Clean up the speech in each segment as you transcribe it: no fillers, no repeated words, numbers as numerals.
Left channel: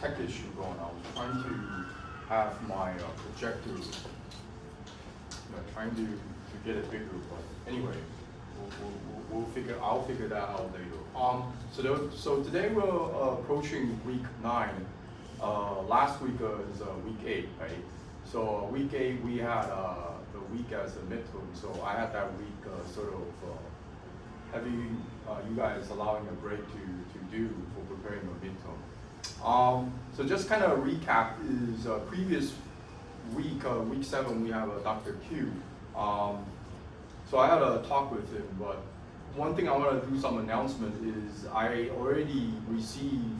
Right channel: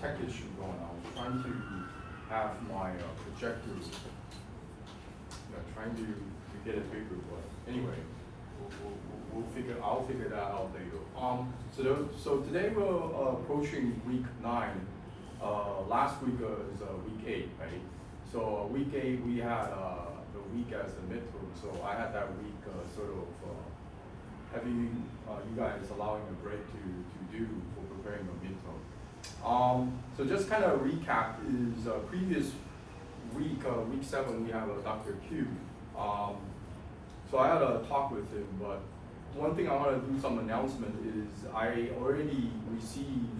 tech issue going on. I'm trying to have my projector, trying to get it bigger, but anyway, I'll figure that out later. So today we're approaching week 9. Last week is week 8, right? So week 8 we had the week as a midterm. So I had that week sort of heavy. You guys allowing a break to do for preparing a midterm. So just kind of recap is previous week, week 7, we have Dr. Q. So I had a talk with him, but one thing I want to do some announcement is I already received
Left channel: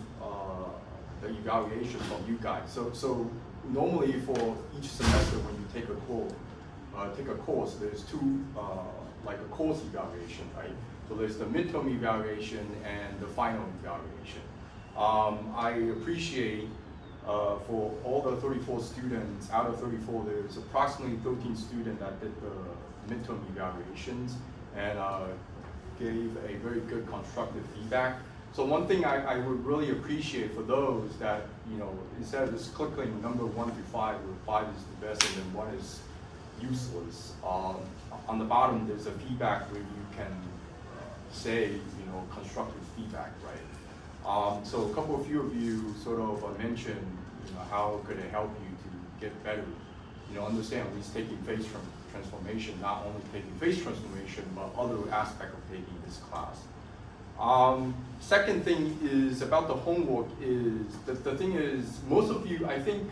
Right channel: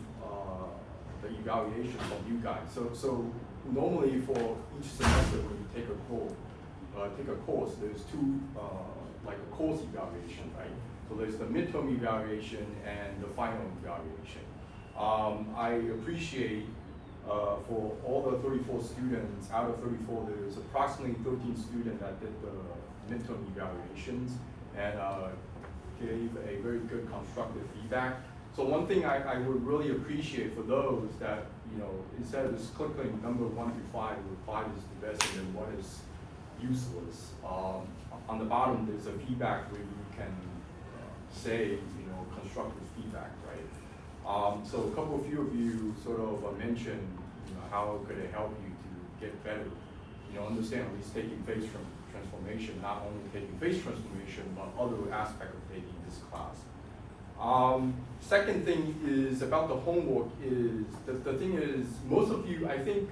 the evaluation from you guys. So normally for each semester when you take a course, there's two like a course evaluation, right? So there's the midterm evaluation and the final evaluation. I appreciate for all the 34 students, out of 34, there's approximately 13 students that did the midterm evaluations and gave a very good constructive feedback. So one thing I would really appreciate for those that, instead of just clicking number 1 to 5, where 5 is the best and then 1 is useless, on the bottom there's a feedback where you can say, constructive feedback, right? So a few of you sort of mentioned, how could it help you to get better? Understand he's taking phase transformation, not only taking phase transformation, but other aspect of taking this class. Second thing is about the homework is, the thing is, most of you, I think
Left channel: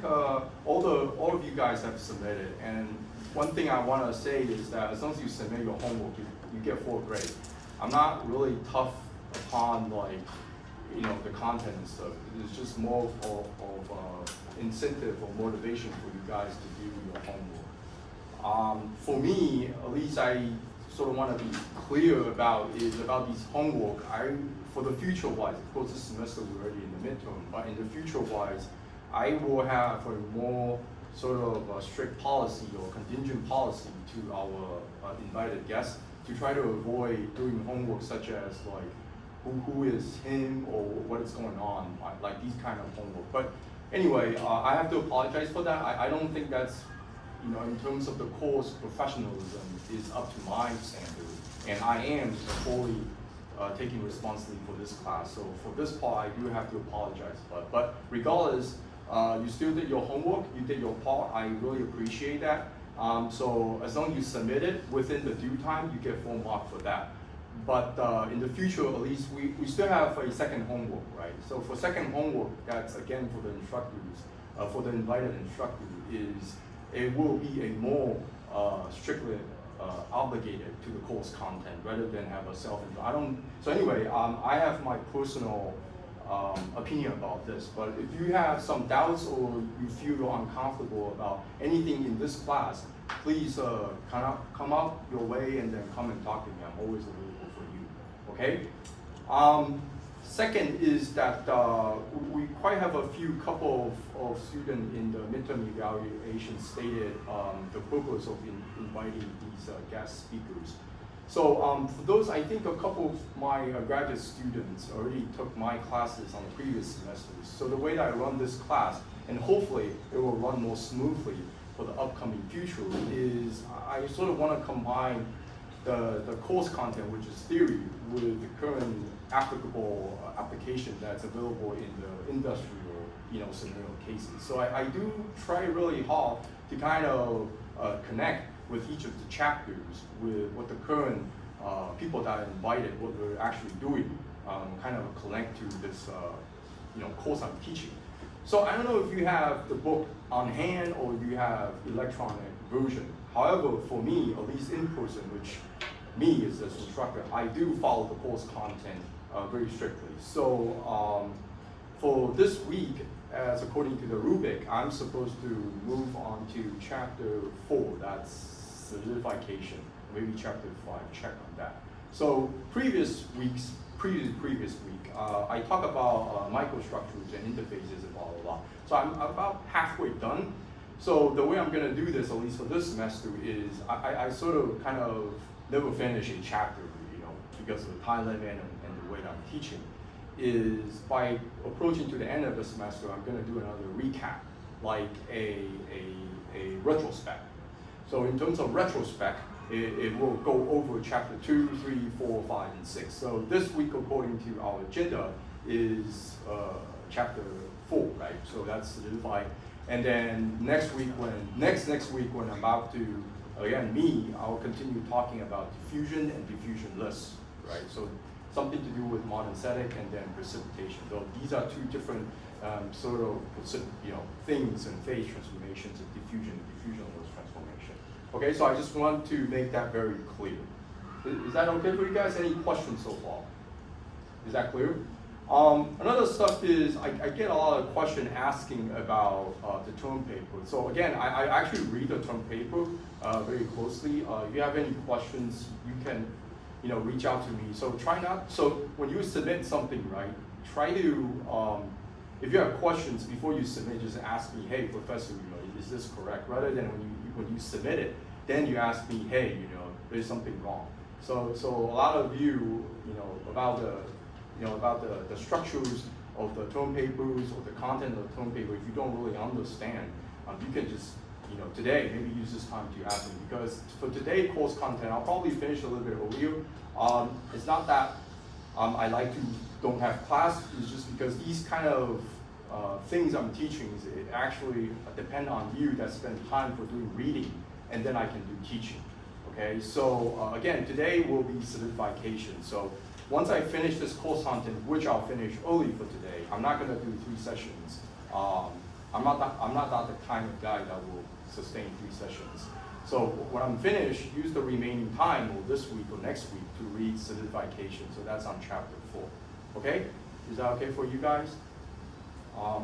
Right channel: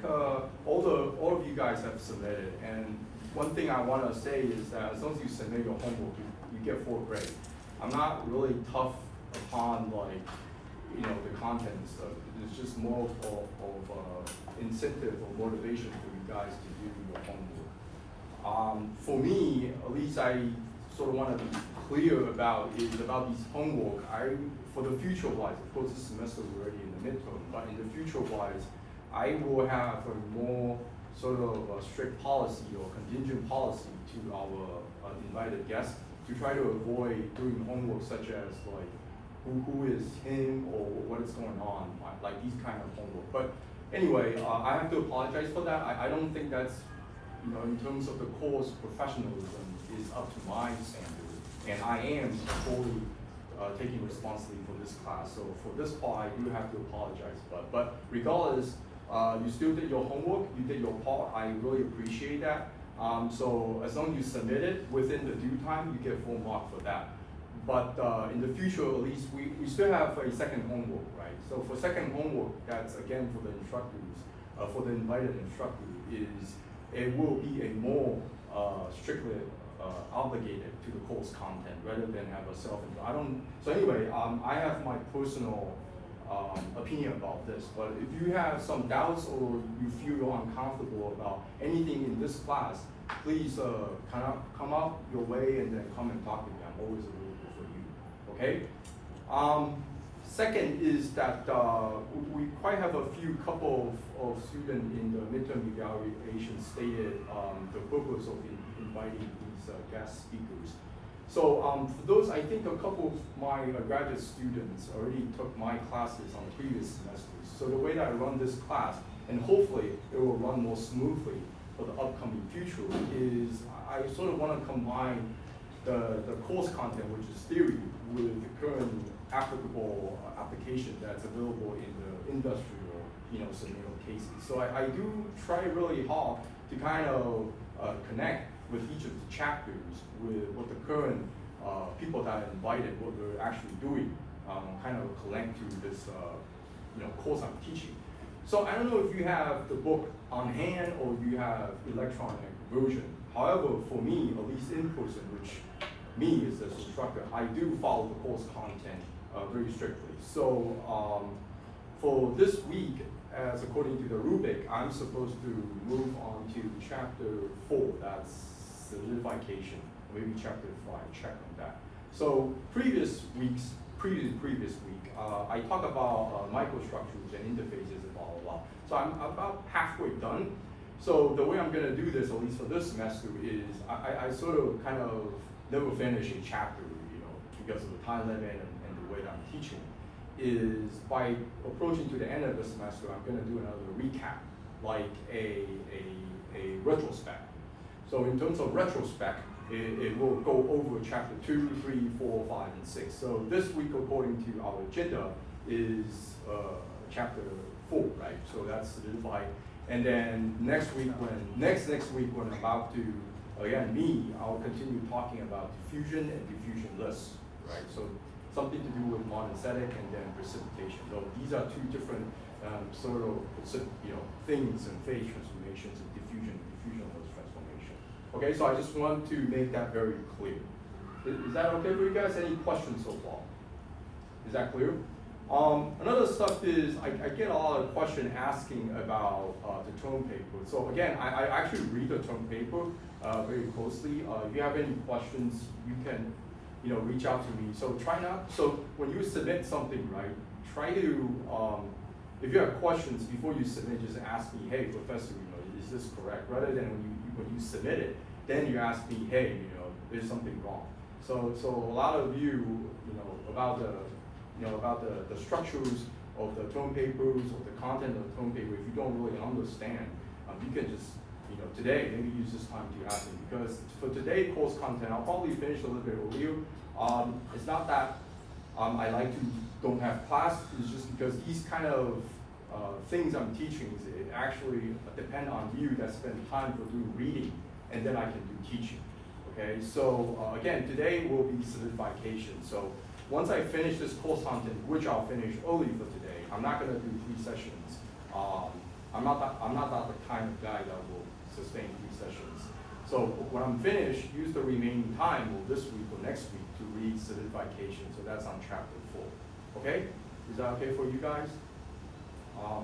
all of you guys have submitted, and one thing I want to say is that as long as you submit your homework, you get 4 grades. I'm not really tough upon the content and stuff. It's just more of incentive or motivation for you guys to do your homework. For me, at least I sort of want to be clear about these homework. For the future wise, of course this semester we're already in the midterm, but in the future wise, I will have a more sort of a strict policy or contingent policy to our invited guests to try to avoid doing homework such as who is him or what is going on, like these kind of homework. But anyway, I have to apologize for that. I don't think that's, in terms of the course professionalism is up to my standard. And I am fully taking responsibility for this class. So for this part, I do have to apologize. But regardless, you still did your homework, you did your part. I really appreciate that. So as long as you submit it within the due time, you get 4 marks for that. But in the future, at least, we still have a second homework, right? So for second homework, that's again for the instructors, for the invited instructor, it will be a more strictly obligated to the course content rather than have a so anyway, I have my personal opinion about this, but if you have some doubts or you feel you're uncomfortable about anything in this class, please come out your way and then come and talk to me. I'm always available for you, okay? Second is that we quite have a couple of students in the midterm evaluation stated the purpose of inviting these guest speakers. So for those, I think a couple of my graduate students already took my classes on previous semesters. So the way that I run this class, and hopefully it will run more smoothly for the upcoming future, is I sort of want to combine the course content, which is theory, with the current applicable application that's available in the industrial, scenario cases. So I do try really hard to kind of connect with each of the chapters with what the current people that are invited, what they're actually doing, kind of connect to this, course I'm teaching. So I don't know if you have the book on hand or you have electronic version. However, for me, at least in person, which me as an instructor, I do follow the course content very strictly. So for this week, as according to the rubric, I'm supposed to move on to chapter 4, that's solidification, maybe chapter 5, check on that. So previous week, I talk about microstructures and interfaces and blah, blah, blah. So I'm about halfway done. So the way I'm gonna do this, at least for this semester, is I sort of kind of never finish a chapter, because of the time limit and the way that I'm teaching. is by approaching to the end of the semester, I'm going to do another recap, like a retrospect. So in terms of retrospect, it will go over chapter 2, 3, 4, 5, and 6. So this week, according to our agenda, is chapter 4, right? So that's solidified. And then next week, next week, when I'm about to, again, I'll continue talking about diffusion and diffusionless, right? So something to do with monostatic and then precipitation. So these are two different sort of things and phase transformations of diffusion and diffusionless transformation. Okay, so I just want to make that very clear. Is that okay for you guys? Any questions so far? Is that clear? Another stuff is I get a lot of questions asking about the term paper. So again, I actually read the term paper very closely. If you have any questions, you can reach out to me. So so when you submit something, right, try to, if you have questions before you submit, just ask me, hey, professor, is this correct? Rather than when you submit it, then you ask me, hey, there's something wrong. So a lot of you, about the structures of the term papers or the content of the term paper, if you don't really understand, you can just, today, maybe use this time to ask me, because for today course content, I'll probably finish a little bit earlier. It's not that I like to don't have class, it's just because these kind of things I'm teaching, it actually depend on you that spend time for doing reading, and then I can do teaching. Okay, so again, today will be solidification. So once I finish this course content, which I'll finish early for today, I'm not going to do 3 sessions. I'm not the kind of guy that will sustain 3 sessions. So when I'm finished, use the remaining time, or this week or next week, to read solidification. So that's on chapter 4. Okay, is that okay for you guys?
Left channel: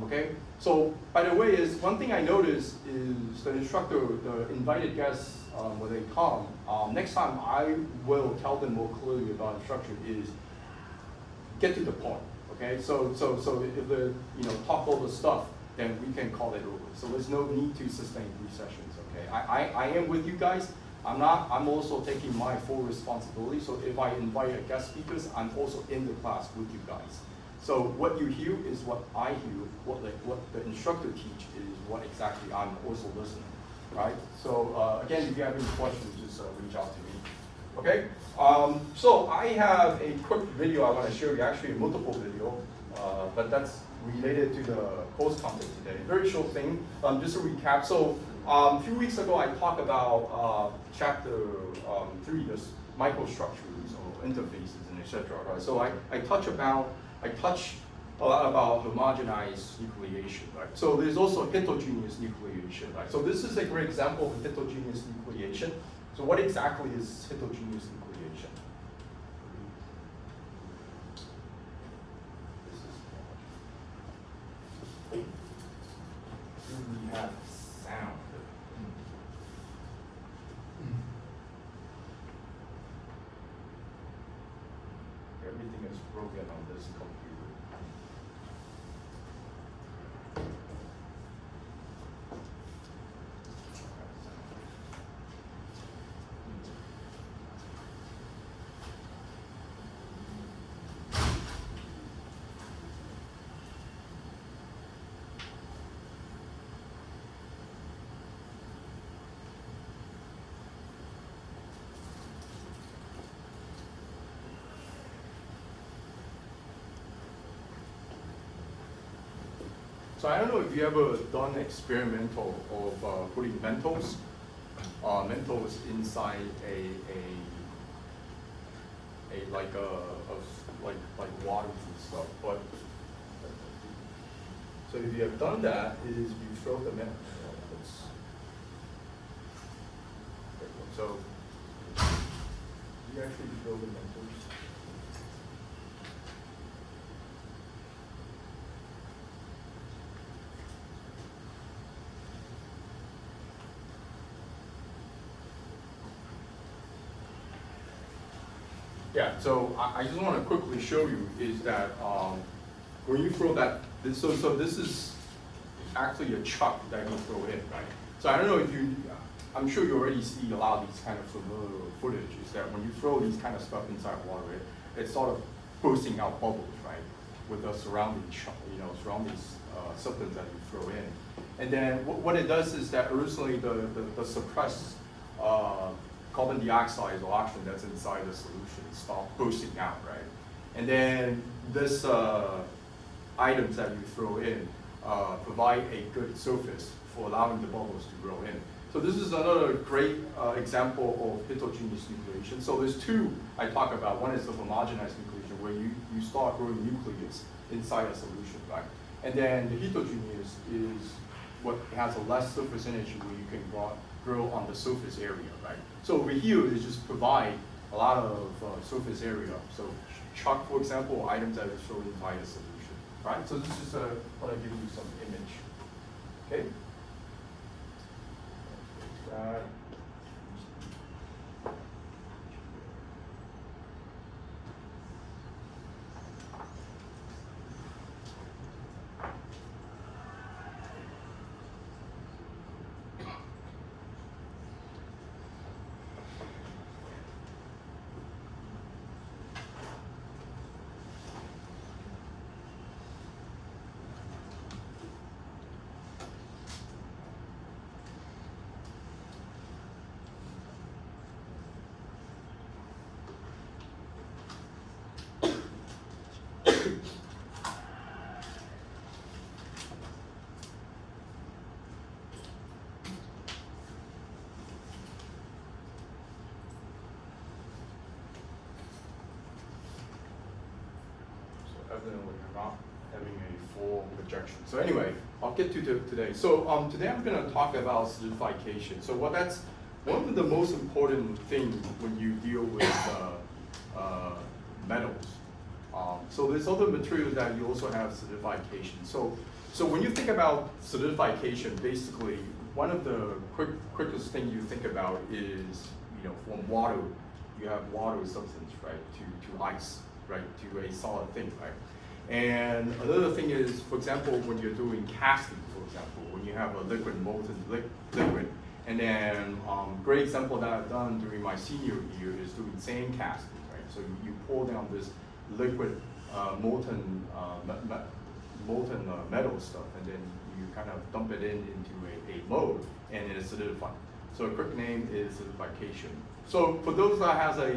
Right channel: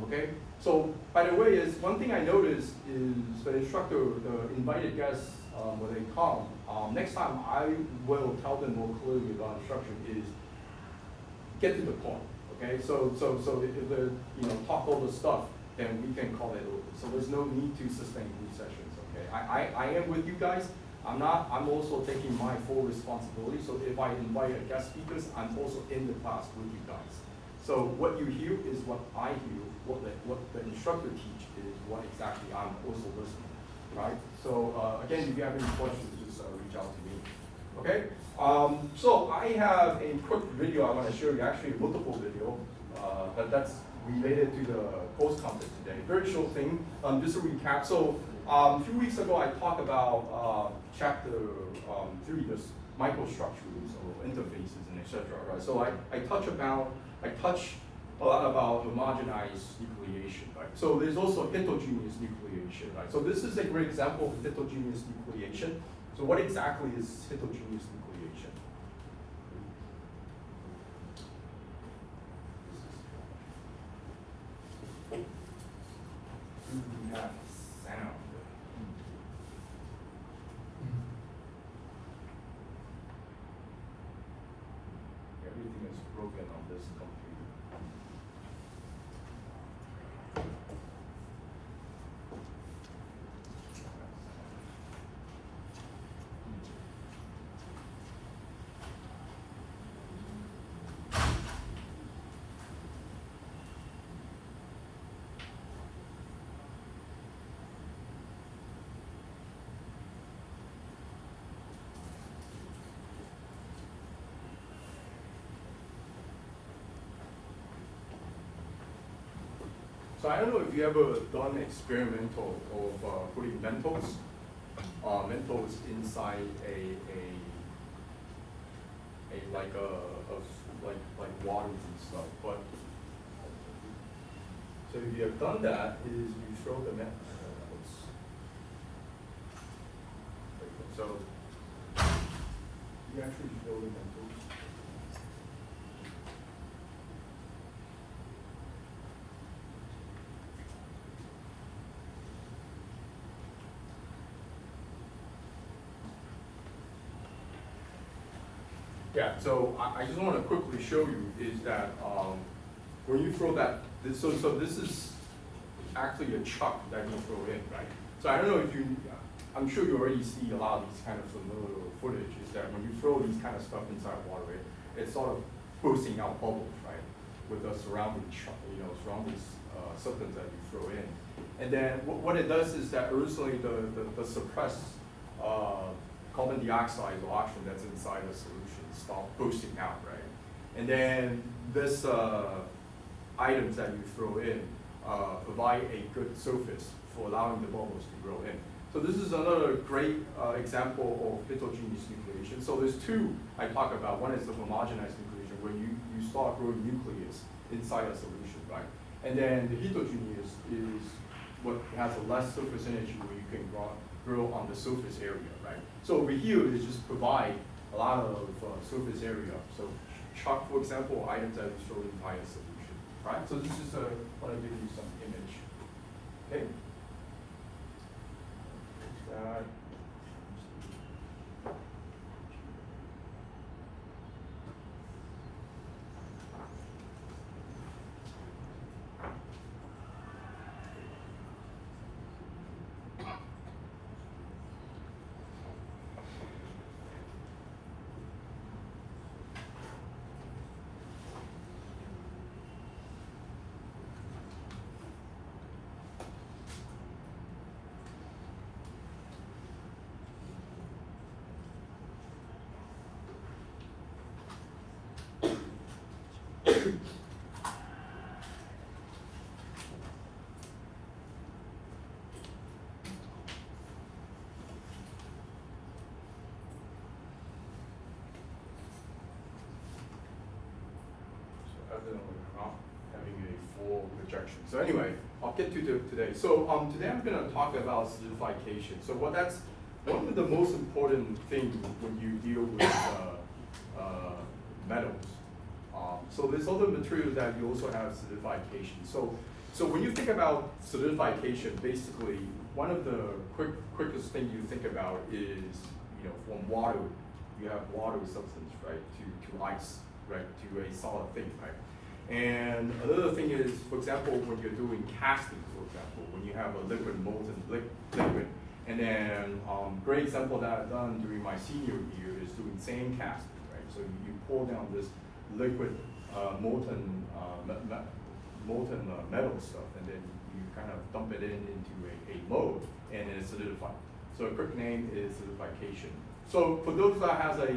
Okay. So by the way, is one thing I noticed is the instructor, the invited guests, when they come, next time I will tell them more clearly about instruction is get to the point. Okay, so if the talk all the stuff, then we can call it over. So there's no need to sustain 3 sessions. Okay, I am with you guys. I'm also taking my full responsibility. So if I invite a guest speakers, I'm also in the class with you guys. So what you hear is what I hear. What the instructor teach is what exactly I'm also listening. Right? So again, if you have any questions, just reach out to me. Okay? So I have a quick video I want to show you, actually a multiple video, but that's related to the course content today. Very short thing, just to recap. So a few weeks ago, I talked about chapter 3, this microstructures or interfaces and etc. Right? So I touch a lot about homogenized nucleation, right? So there's also heterogeneous nucleation, right? So this is a great example of heterogeneous nucleation. So what exactly is heterogeneous nucleation? We have sound. Everything is broken on this computer. So I don't know if you ever done experimental of putting Mentos inside like waters and stuff. But so if you have done that, is you throw them in. So you actually throw the Mentos. Yeah, so I just want to quickly show you is that when you throw that, so this is actually a chuck that you throw in, right? So I don't know if I'm sure you already see a lot of these kind of familiar footage, is that when you throw these kind of stuff inside water, it's sort of bursting out bubbles, right? with the surrounding substance that you throw in. And then what it does is that originally the suppressed carbon dioxide or oxygen that's inside the solution start bursting out, right? And then this items that you throw in provide a good surface for allowing the bubbles to grow in. So this is another great example of heterogeneous nucleation. So there's two I talk about. One is the homogenized nucleation, where you start growing nucleus inside a solution, right? And then the heterogeneous is what has a less surface energy, where you can grow on the surface area, right? So over here, it just provide a lot of surface area. So chalk, for example, items that are stored inside a solution, right? So this is what I give you some image, okay? Evidently not having a full projection. So anyway, I'll get to today. So today I'm going to talk about solidification. So that's one of the most important things when you deal with metals. So there's other materials that you also have solidification. So when you think about solidification, basically one of the quickest things you think about is, from water, you have water substance, right, to ice, right, to a solid thing, right? And another thing is, for example, when you're doing casting, for example, when you have a liquid, molten liquid, and then great example that I've done during my senior year is doing sand casting, right? So you pour down this liquid molten metal stuff, and then you kind of dump it into a mold, and then it's solidified. So a quick name is solidification. So for those that has a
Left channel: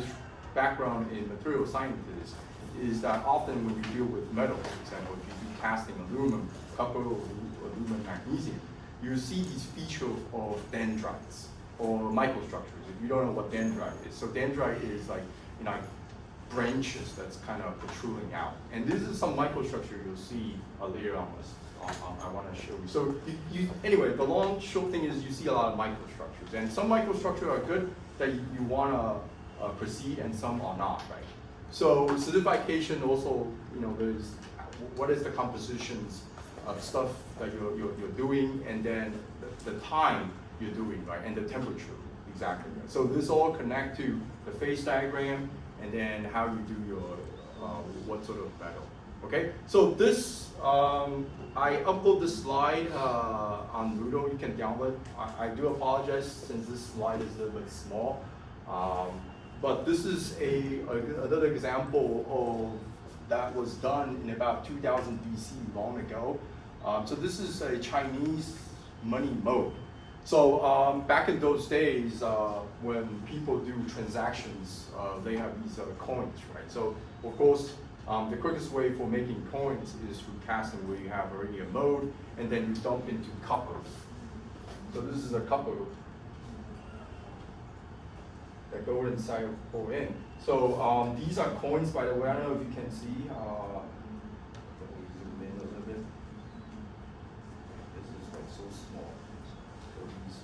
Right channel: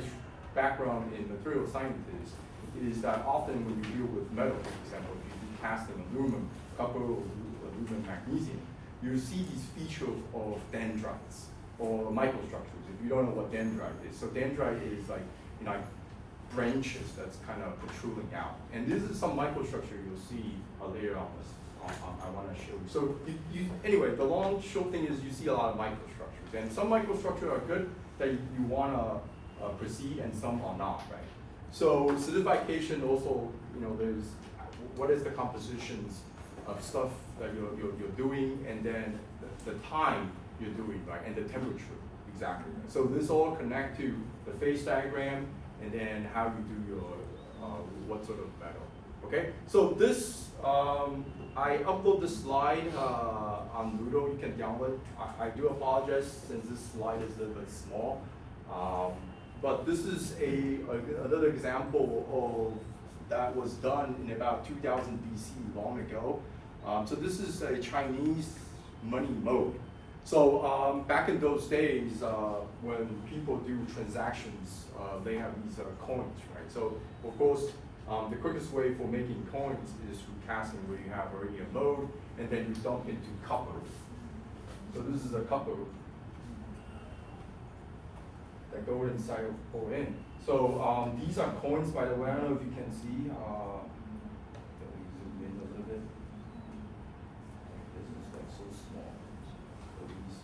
background in material sciences, is that often when you deal with metal, for example, if you do casting aluminum, copper, or aluminum magnesium, you see these features of dendrites or microstructures. If you don't know what dendrite is, so dendrite is like branches that's kind of protruding out, and this is some microstructure you'll see later on. I want to show you. So anyway, the long short thing is you see a lot of microstructures, and some microstructures are good that you want to proceed, and some are not, right? So solidification also, there's what is the compositions of stuff that you're doing, and then the time you're doing, right, and the temperature, exactly. So this all connect to the phase diagram, and then how you do your what sort of metal. Okay, so this I upload this slide on Moodle. You can download. I do apologize since this slide is a little bit small. But this is another example of that was done in about 2000 BC, long ago. So this is a Chinese money mode. So back in those days, when people do transactions, they have these coins, right? So of course, the quickest way for making coins is through casting, where you have already a mode, and then you dump into copper. So this is a copper that go inside of pour in. So these are coins, by the way. I don't know if you can see. Let me zoom in a little bit. This is like so small. So these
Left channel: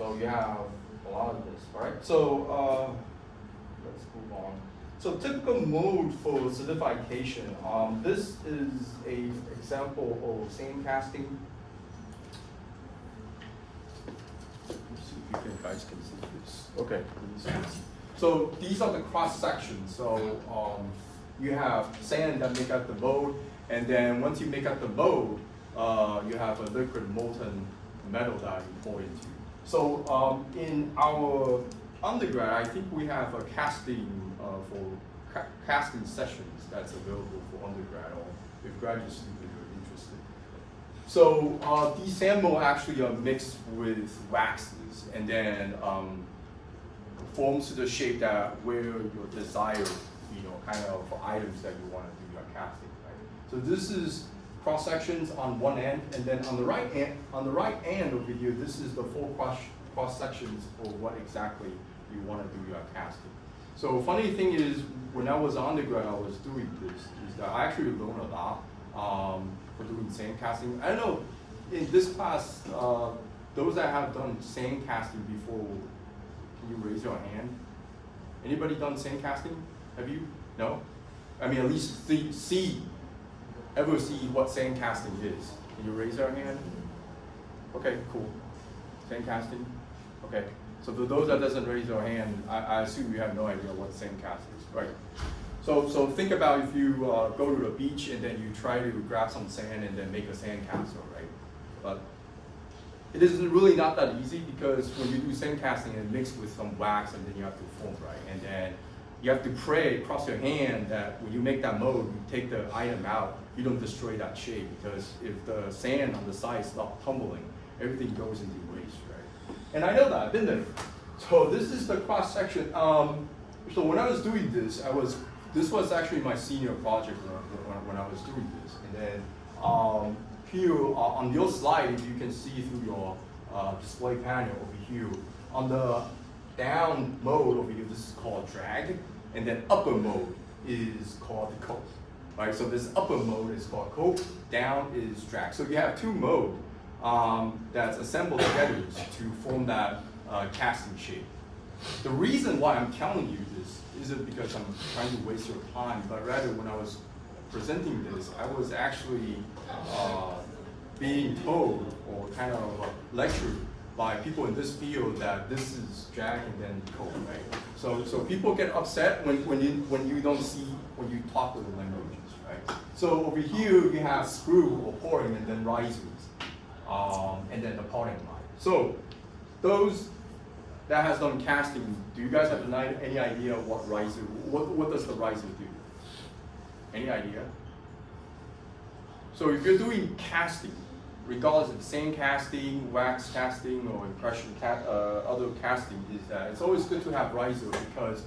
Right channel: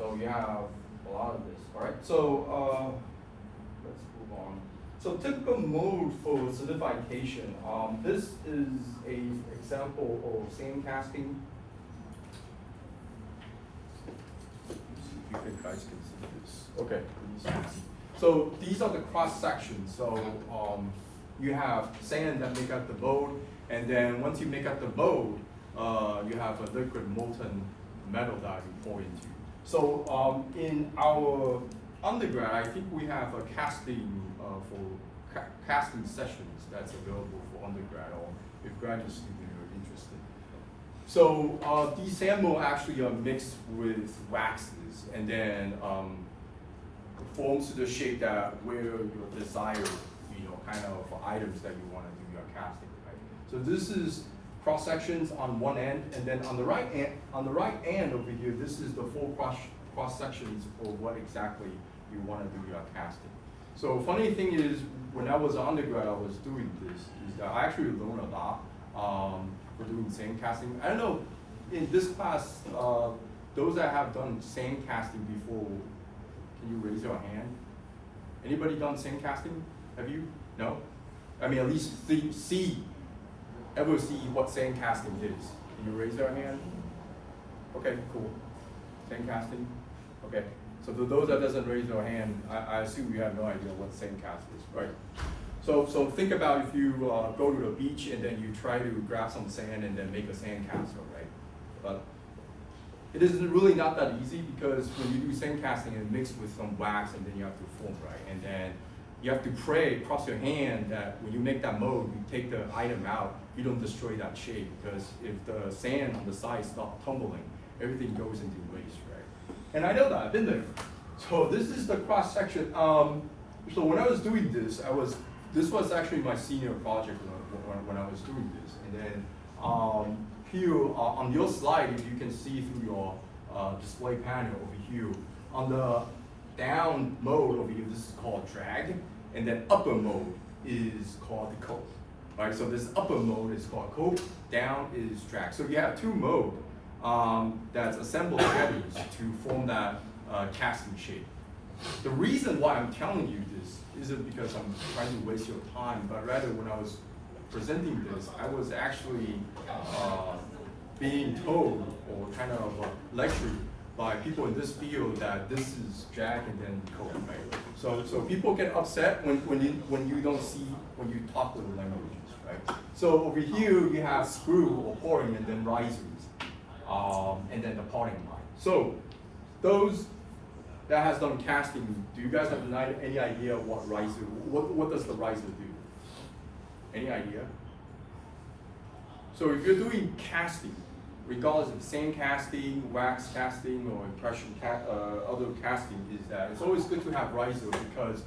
So you have a lot of this, all right? So let's move on. So typical mode for solidification. This is an example of sand casting. Let's see if you guys can see this. Okay. So these are the cross sections. So you have sand that make up the mold, and then once you make up the mold, you have a liquid molten metal that you pour into. So in our undergrad, I think we have a casting casting sessions that's available for undergrad, or if graduate students are interested. So these sand mold actually are mixed with waxes, and then forms to the shape that where your desired, kind of items that you want to do your casting, right? So this is cross sections on one end, and then on the right end over here, this is the full cross sections for what exactly you want to do your casting. So funny thing is, when I was an undergrad, I was doing this, is that I actually learned a lot for doing sand casting. I don't know, in this class, those that have done sand casting before, can you raise your hand? Anybody done sand casting? Have you? No? I mean, at least ever see what sand casting is. Can you raise your hand? Okay, cool. Sand casting? Okay. So for those that doesn't raise your hand, I assume you have no idea what sand cast is, right? So think about if you go to the beach and then you try to grab some sand and then make a sand castle, right? But it is really not that easy, because when you do sand casting, it mixes with some wax and then you have to foam, right? And then you have to pray across your hand that when you make that mold, you take the item out, you don't destroy that shape, because if the sand on the side stops tumbling, everything goes into waste, right? And I know that, I've been there. So this is the cross section. So when I was doing this, this was actually my senior project when I was doing this. And then here on your slide, if you can see through your display panel over here, on the down mode over here, this is called drag, and then upper mode is called the coat, right? So this upper mode is called coat, down is drag. So you have two modes that's assembled together to form that casting shape. The reason why I'm telling you this isn't because I'm trying to waste your time, but rather when I was presenting this, I was actually being told, or kind of lectured by people in this field, that this is drag and then coat, right? So people get upset when you don't see, when you talk to the languages, right? So over here you have screw or pouring and then risers, and then the potting line. So those that has done casting, do you guys have any idea what riser, what does the riser do? Any idea? So if you're doing casting, regardless of sand casting, wax casting, or impression other casting, is that it's always good to have riser, because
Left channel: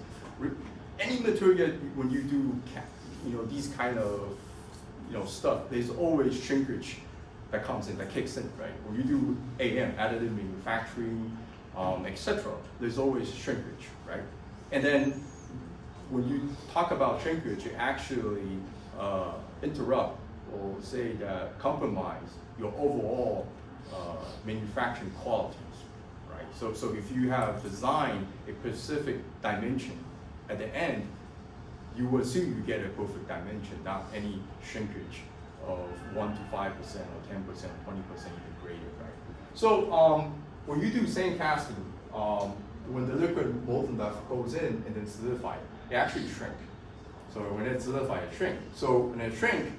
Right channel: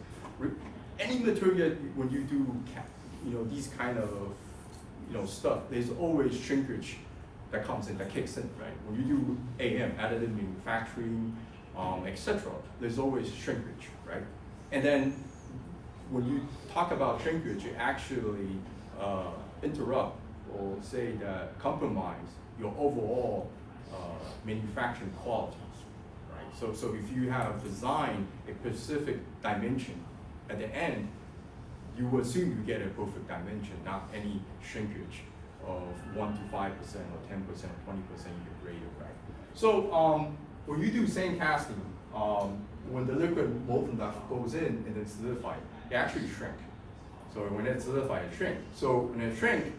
any material when you do these kind of stuff, there's always shrinkage that comes in, that kicks in, right? When you do AM, additive manufacturing, etc., there's always shrinkage, right? And then when you talk about shrinkage, you actually interrupt, or say that compromise your overall manufacturing qualities, right? So if you have designed a specific dimension, at the end, you will assume you get a perfect dimension, not any shrinkage of 1 to 5% or 10% or 20% even greater, right? So when you do sand casting, when the liquid molten dust goes in and then solidify, it actually shrink. So when it solidifies, it shrink. So when it shrink,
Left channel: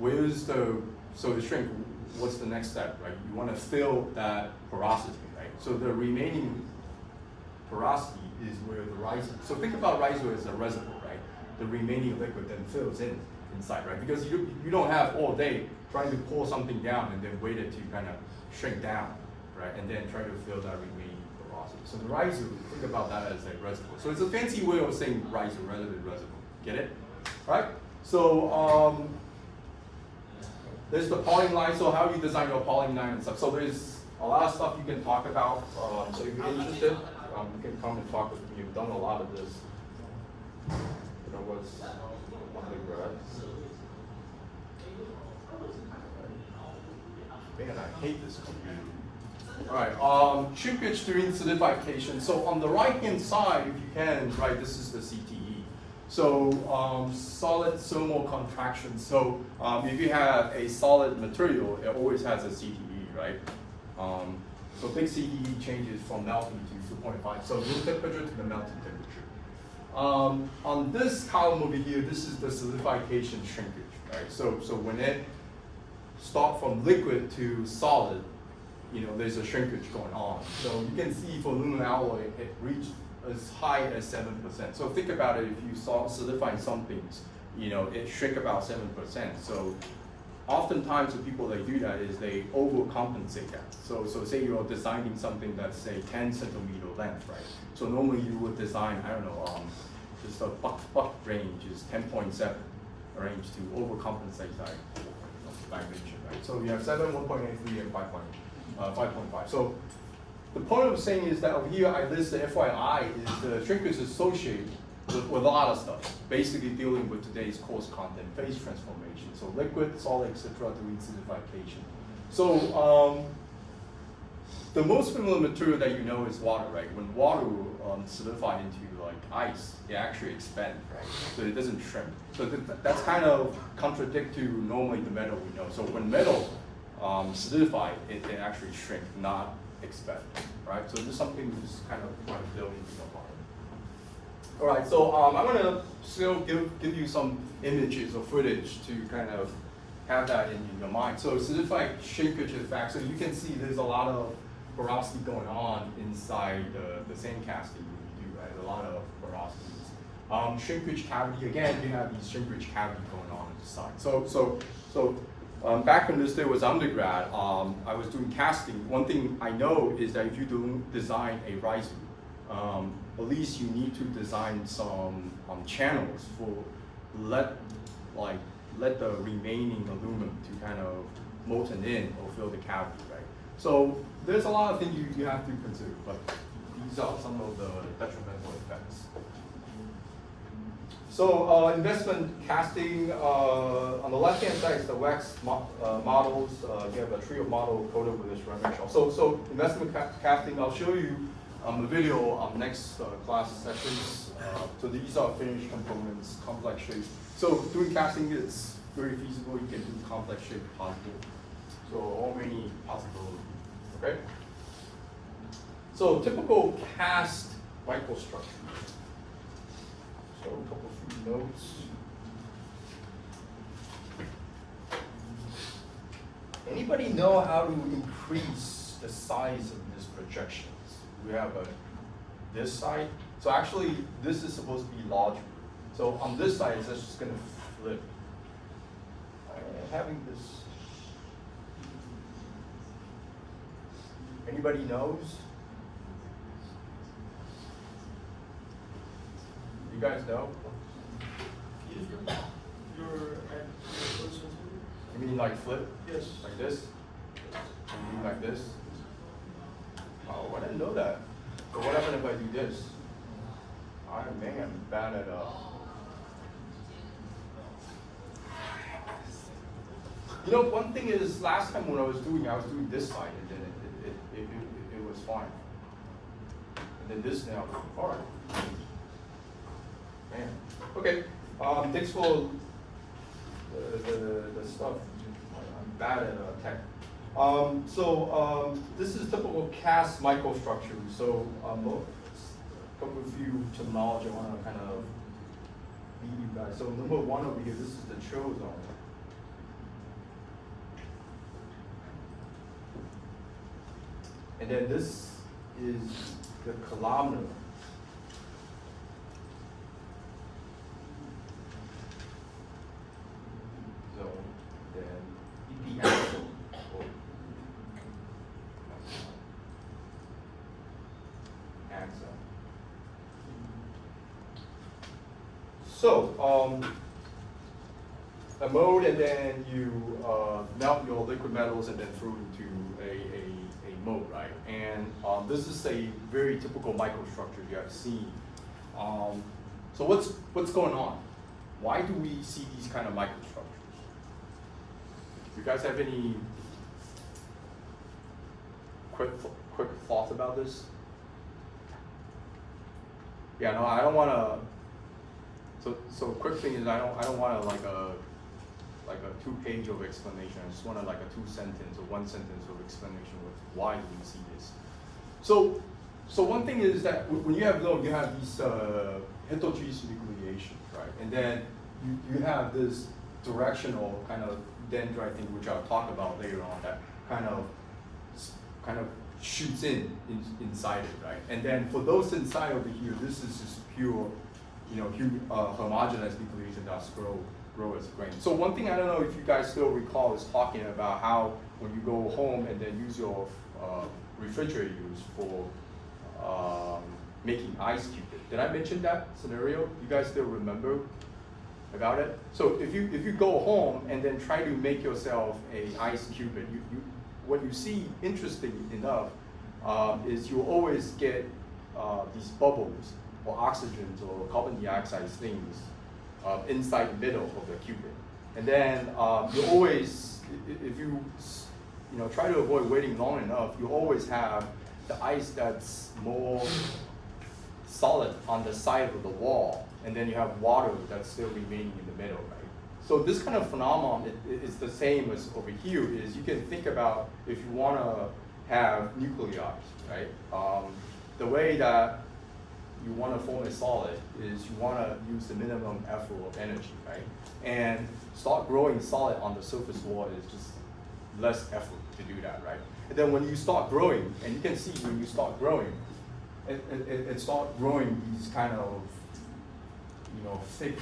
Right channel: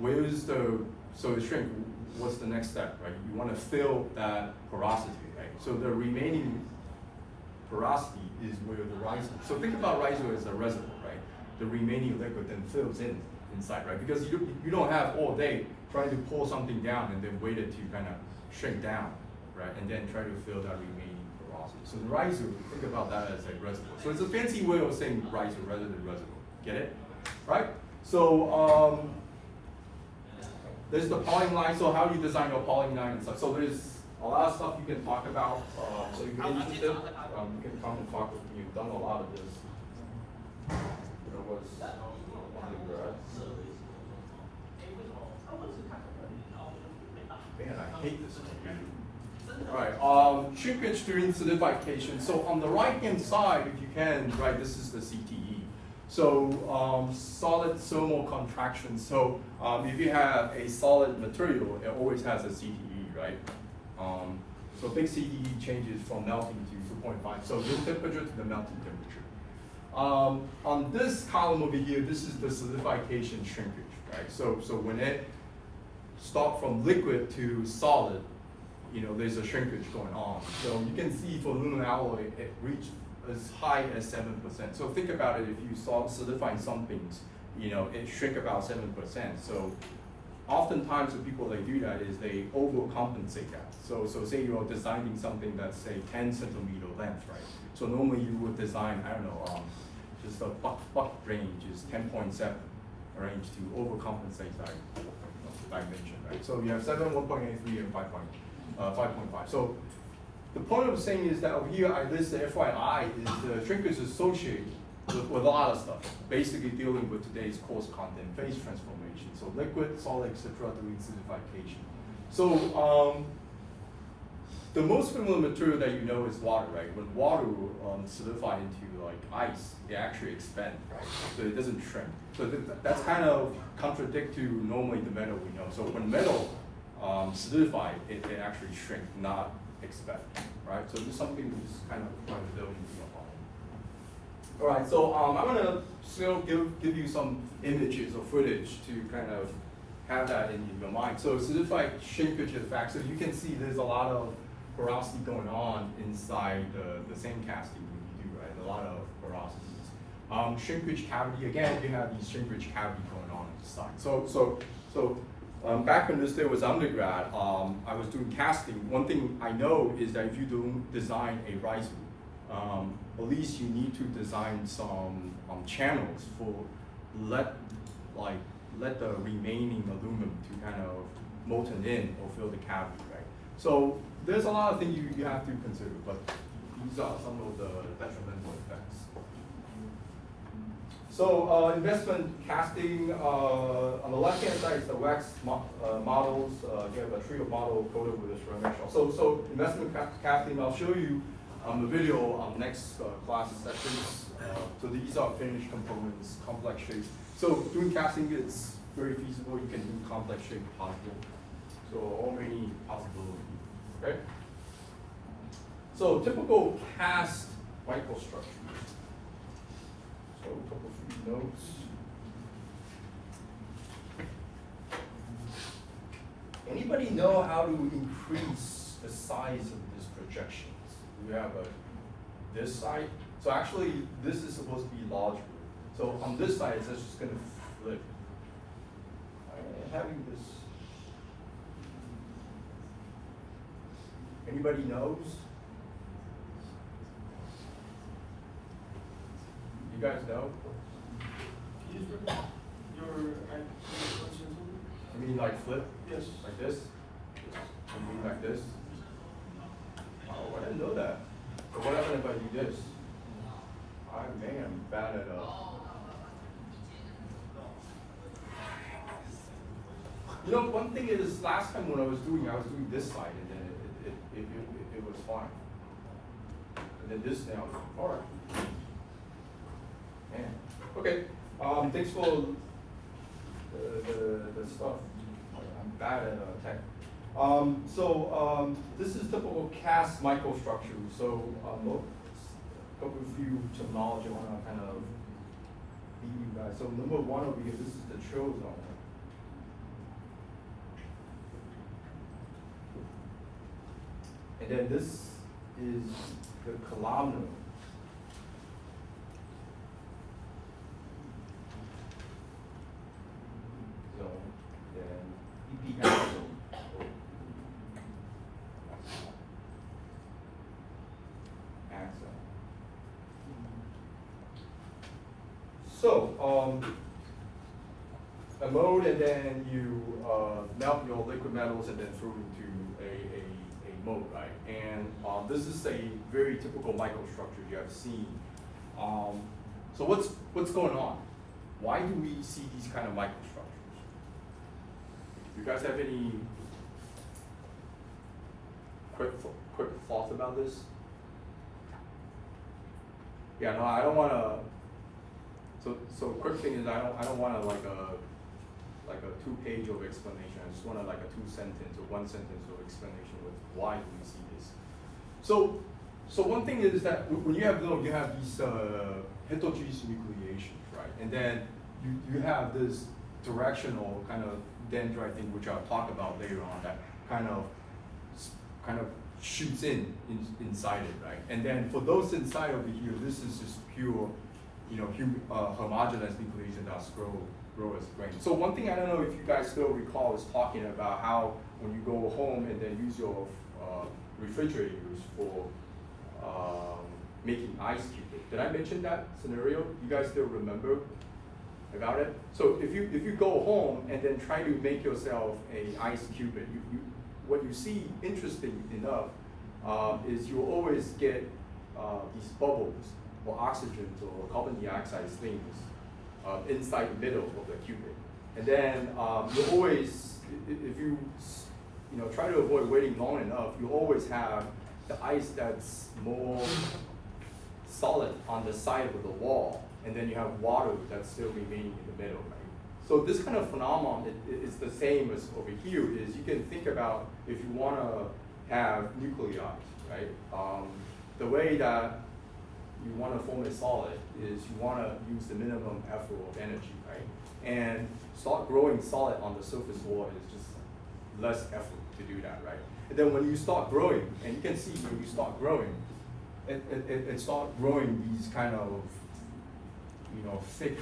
the shrink, what's the next step, right? You want to fill that porosity, right? So the remaining porosity is where the riser. So think about riser as a reservoir, right? The remaining liquid then fills inside, right? Because you don't have all day trying to pour something down and then wait it to kind of shrink down, right? And then try to fill that remaining porosity. So the riser, think about that as a reservoir. So it's a fancy way of saying riser rather than reservoir. Get it? Right? So there's the polling line. So how do you design your polling line and stuff? So there's a lot of stuff you can talk about. So if you're interested, you can come and talk with me. You've done a lot of this. That was undergrad. Man, I hate this computer. All right, shrinkage during solidification. So on the right-hand side, if you can, right, this is the CTE. So solid thermal contraction. So if you have a solid material, it always has a CTE, right? So big CTE changes from melting to 2.5. So room temperature to the melting temperature. On this column over here, this is the solidification shrinkage, right? So when it stops from liquid to solid, there's a shrinkage going on. So you can see for aluminum alloy, it reached as high as 7%. So think about it, if you solidify some things, it shrink about 7%. So oftentimes the people that do that is they overcompensate that. So say you're designing something that's say 10 centimeter length, right? So normally you would design, I don't know, just a buck range is 10.7 range to overcompensate that dimension, right? So you have 7, 1.83, and 5.5. So the point of saying is that over here I list the FYI is the shrinkage associated with a lot of stuff, basically dealing with today's coarse content, phase transformation, so liquid, solid, etc. through acidification. So the most familiar material that is water, right? When water solidifies into like ice, it actually expands, right? So it doesn't shrink. So that's kind of contradict to normally the metal we know. So when metal solidify, it actually shrink, not expand, right? So this is something just kind of want to build into your model. All right, so I'm gonna still give you some images or footage to kind of have that in your mind. So solidified shrinkage effect. So you can see there's a lot of porosity going on inside the same casting you do, right? A lot of porosities. Shrinkage cavity, again, you have these shrinkage cavity going on the side. So back when this day was undergrad, I was doing casting. One thing I know is that if you do design a riser, at least you need to design some channels for let the remaining aluminum to kind of molten in or fill the cavity, right? So there's a lot of things you have to consider, but these are some of the detrimental effects. So investment casting, on the left-hand side is the wax models. You have a trio model coated with this ceramic shell. So investment casting, I'll show you the video on the next class sessions. So these are finished components, complex shapes. So doing casting is very feasible. You can do complex shape possible. So all many possibilities, okay? So typical cast microstructure. So a couple of notes. Anybody know how to increase the size of this projections? We have this side. So actually, this is supposed to be larger. So on this side, it's just going to flip. Having this. Anybody knows? You guys know? You mean like flip? Yes. Like this? You mean like this? Oh, I didn't know that. But what happened if I do this? Man, I'm bad at one thing is last time when I was doing this side and then it was fine. And then this now, all right. Man, okay. Thanks for the stuff. I'm bad at tech. This is typical cast microstructure. So a couple of few terminology I want to kind of lead you guys. So number one over here, this is the trill zone. And then this is the columnar. So then epiaxial. So, a mode, and then you melt your liquid metals and then through into a mode, right? And this is a very typical microstructure you have seen. So what's going on? Why do we see these kind of microstructures? You guys have any quick thoughts about this? Yeah, no, I don't want to. So quick thing is I don't want like a 2-page of explanation. I just want like a 2-sentence or 1-sentence of explanation with why do we see this. So one thing is that when you have these heterogeneous nucleations, right? And then you have this directional kind of dendrite thing, which I'll talk about later on, that kind kind of shoots inside it, right? And then for those inside over here, this is just pure, homogeneous nucleation that's grow as grain. So one thing I don't know if you guys still recall is talking about how when you go home and then use your refrigerators for making ice cube. Did I mention that scenario? You guys still remember about it? So if you go home and then try to make yourself a ice cube, what you see, interesting enough, is you always get these bubbles or oxygens or carbon dioxide things inside the middle of the cubit. And then you always, if you try to avoid waiting long enough, you always have the ice that's more solid on the side of the wall, and then you have water that's still remaining in the middle, right? So this kind of phenomenon is the same as over here. Is you can think about if you want to have nuclei, right? The way that you want to form a solid is you want to use the minimum effort of energy, right? And start growing solid on the surface wall is just less effort to do that, right? And then when you start growing, and you can see when you start growing, it starts growing these kind of, thick,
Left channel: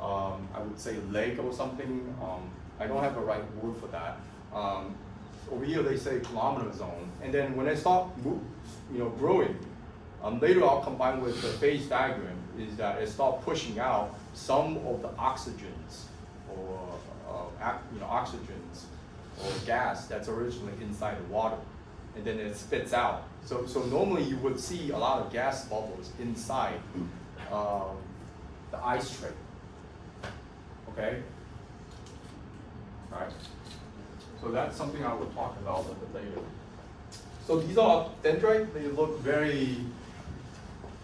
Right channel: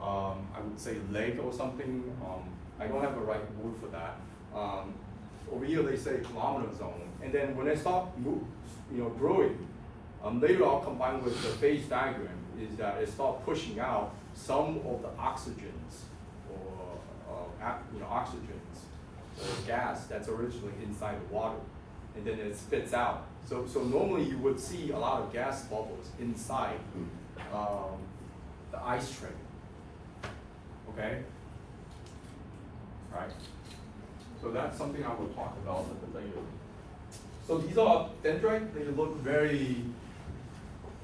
I would say leg or something. I don't have the right word for that. Over here they say kilometer zone. And then when they start, growing, later I'll combine with the phase diagram is that it starts pushing out some of the oxygens or oxygens or gas that's originally inside the water, and then it spits out. So normally you would see a lot of gas bubbles inside the ice tray. Okay? Right? So that's something I will talk about a bit later. So these are dendrites. They look very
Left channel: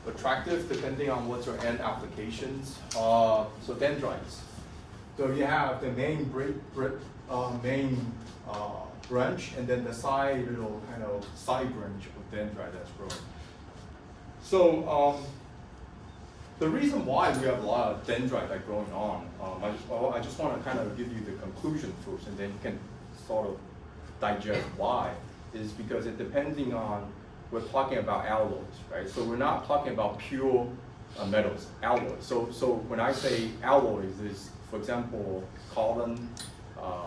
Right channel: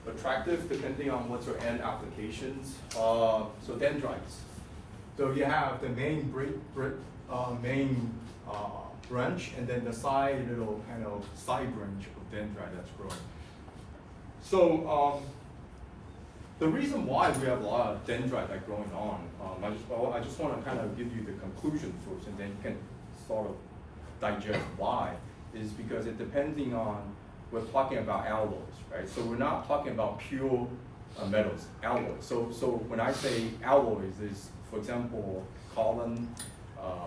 attractive depending on what's your end applications. So dendrites. So you have the main branch, and then the little kind of side branch of dendrite that's growing. So the reason why we have a lot of dendrite that's growing on, I just want to kind of give you the conclusion first, and then you can sort of digest why, is because it depending on, we're talking about alloys, right? So we're not talking about pure metals, alloys. So when I say alloys, is for example carbon,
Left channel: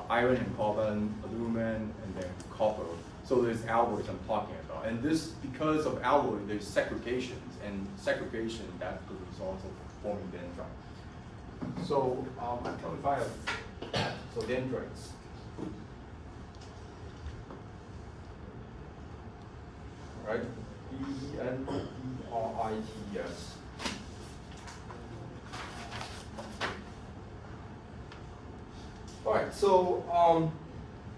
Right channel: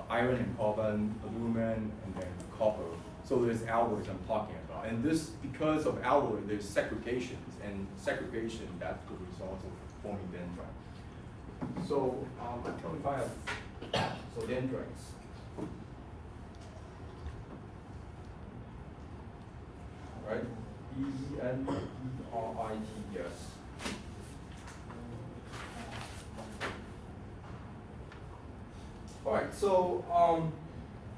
iron and carbon, aluminum, and then copper. So there's alloys I'm talking about. And this, because of alloy, there's segregations, and segregation, that's the result of forming dendrite. So if I have, so dendrites. Right? E-N-E-R-I-T-S. All right, so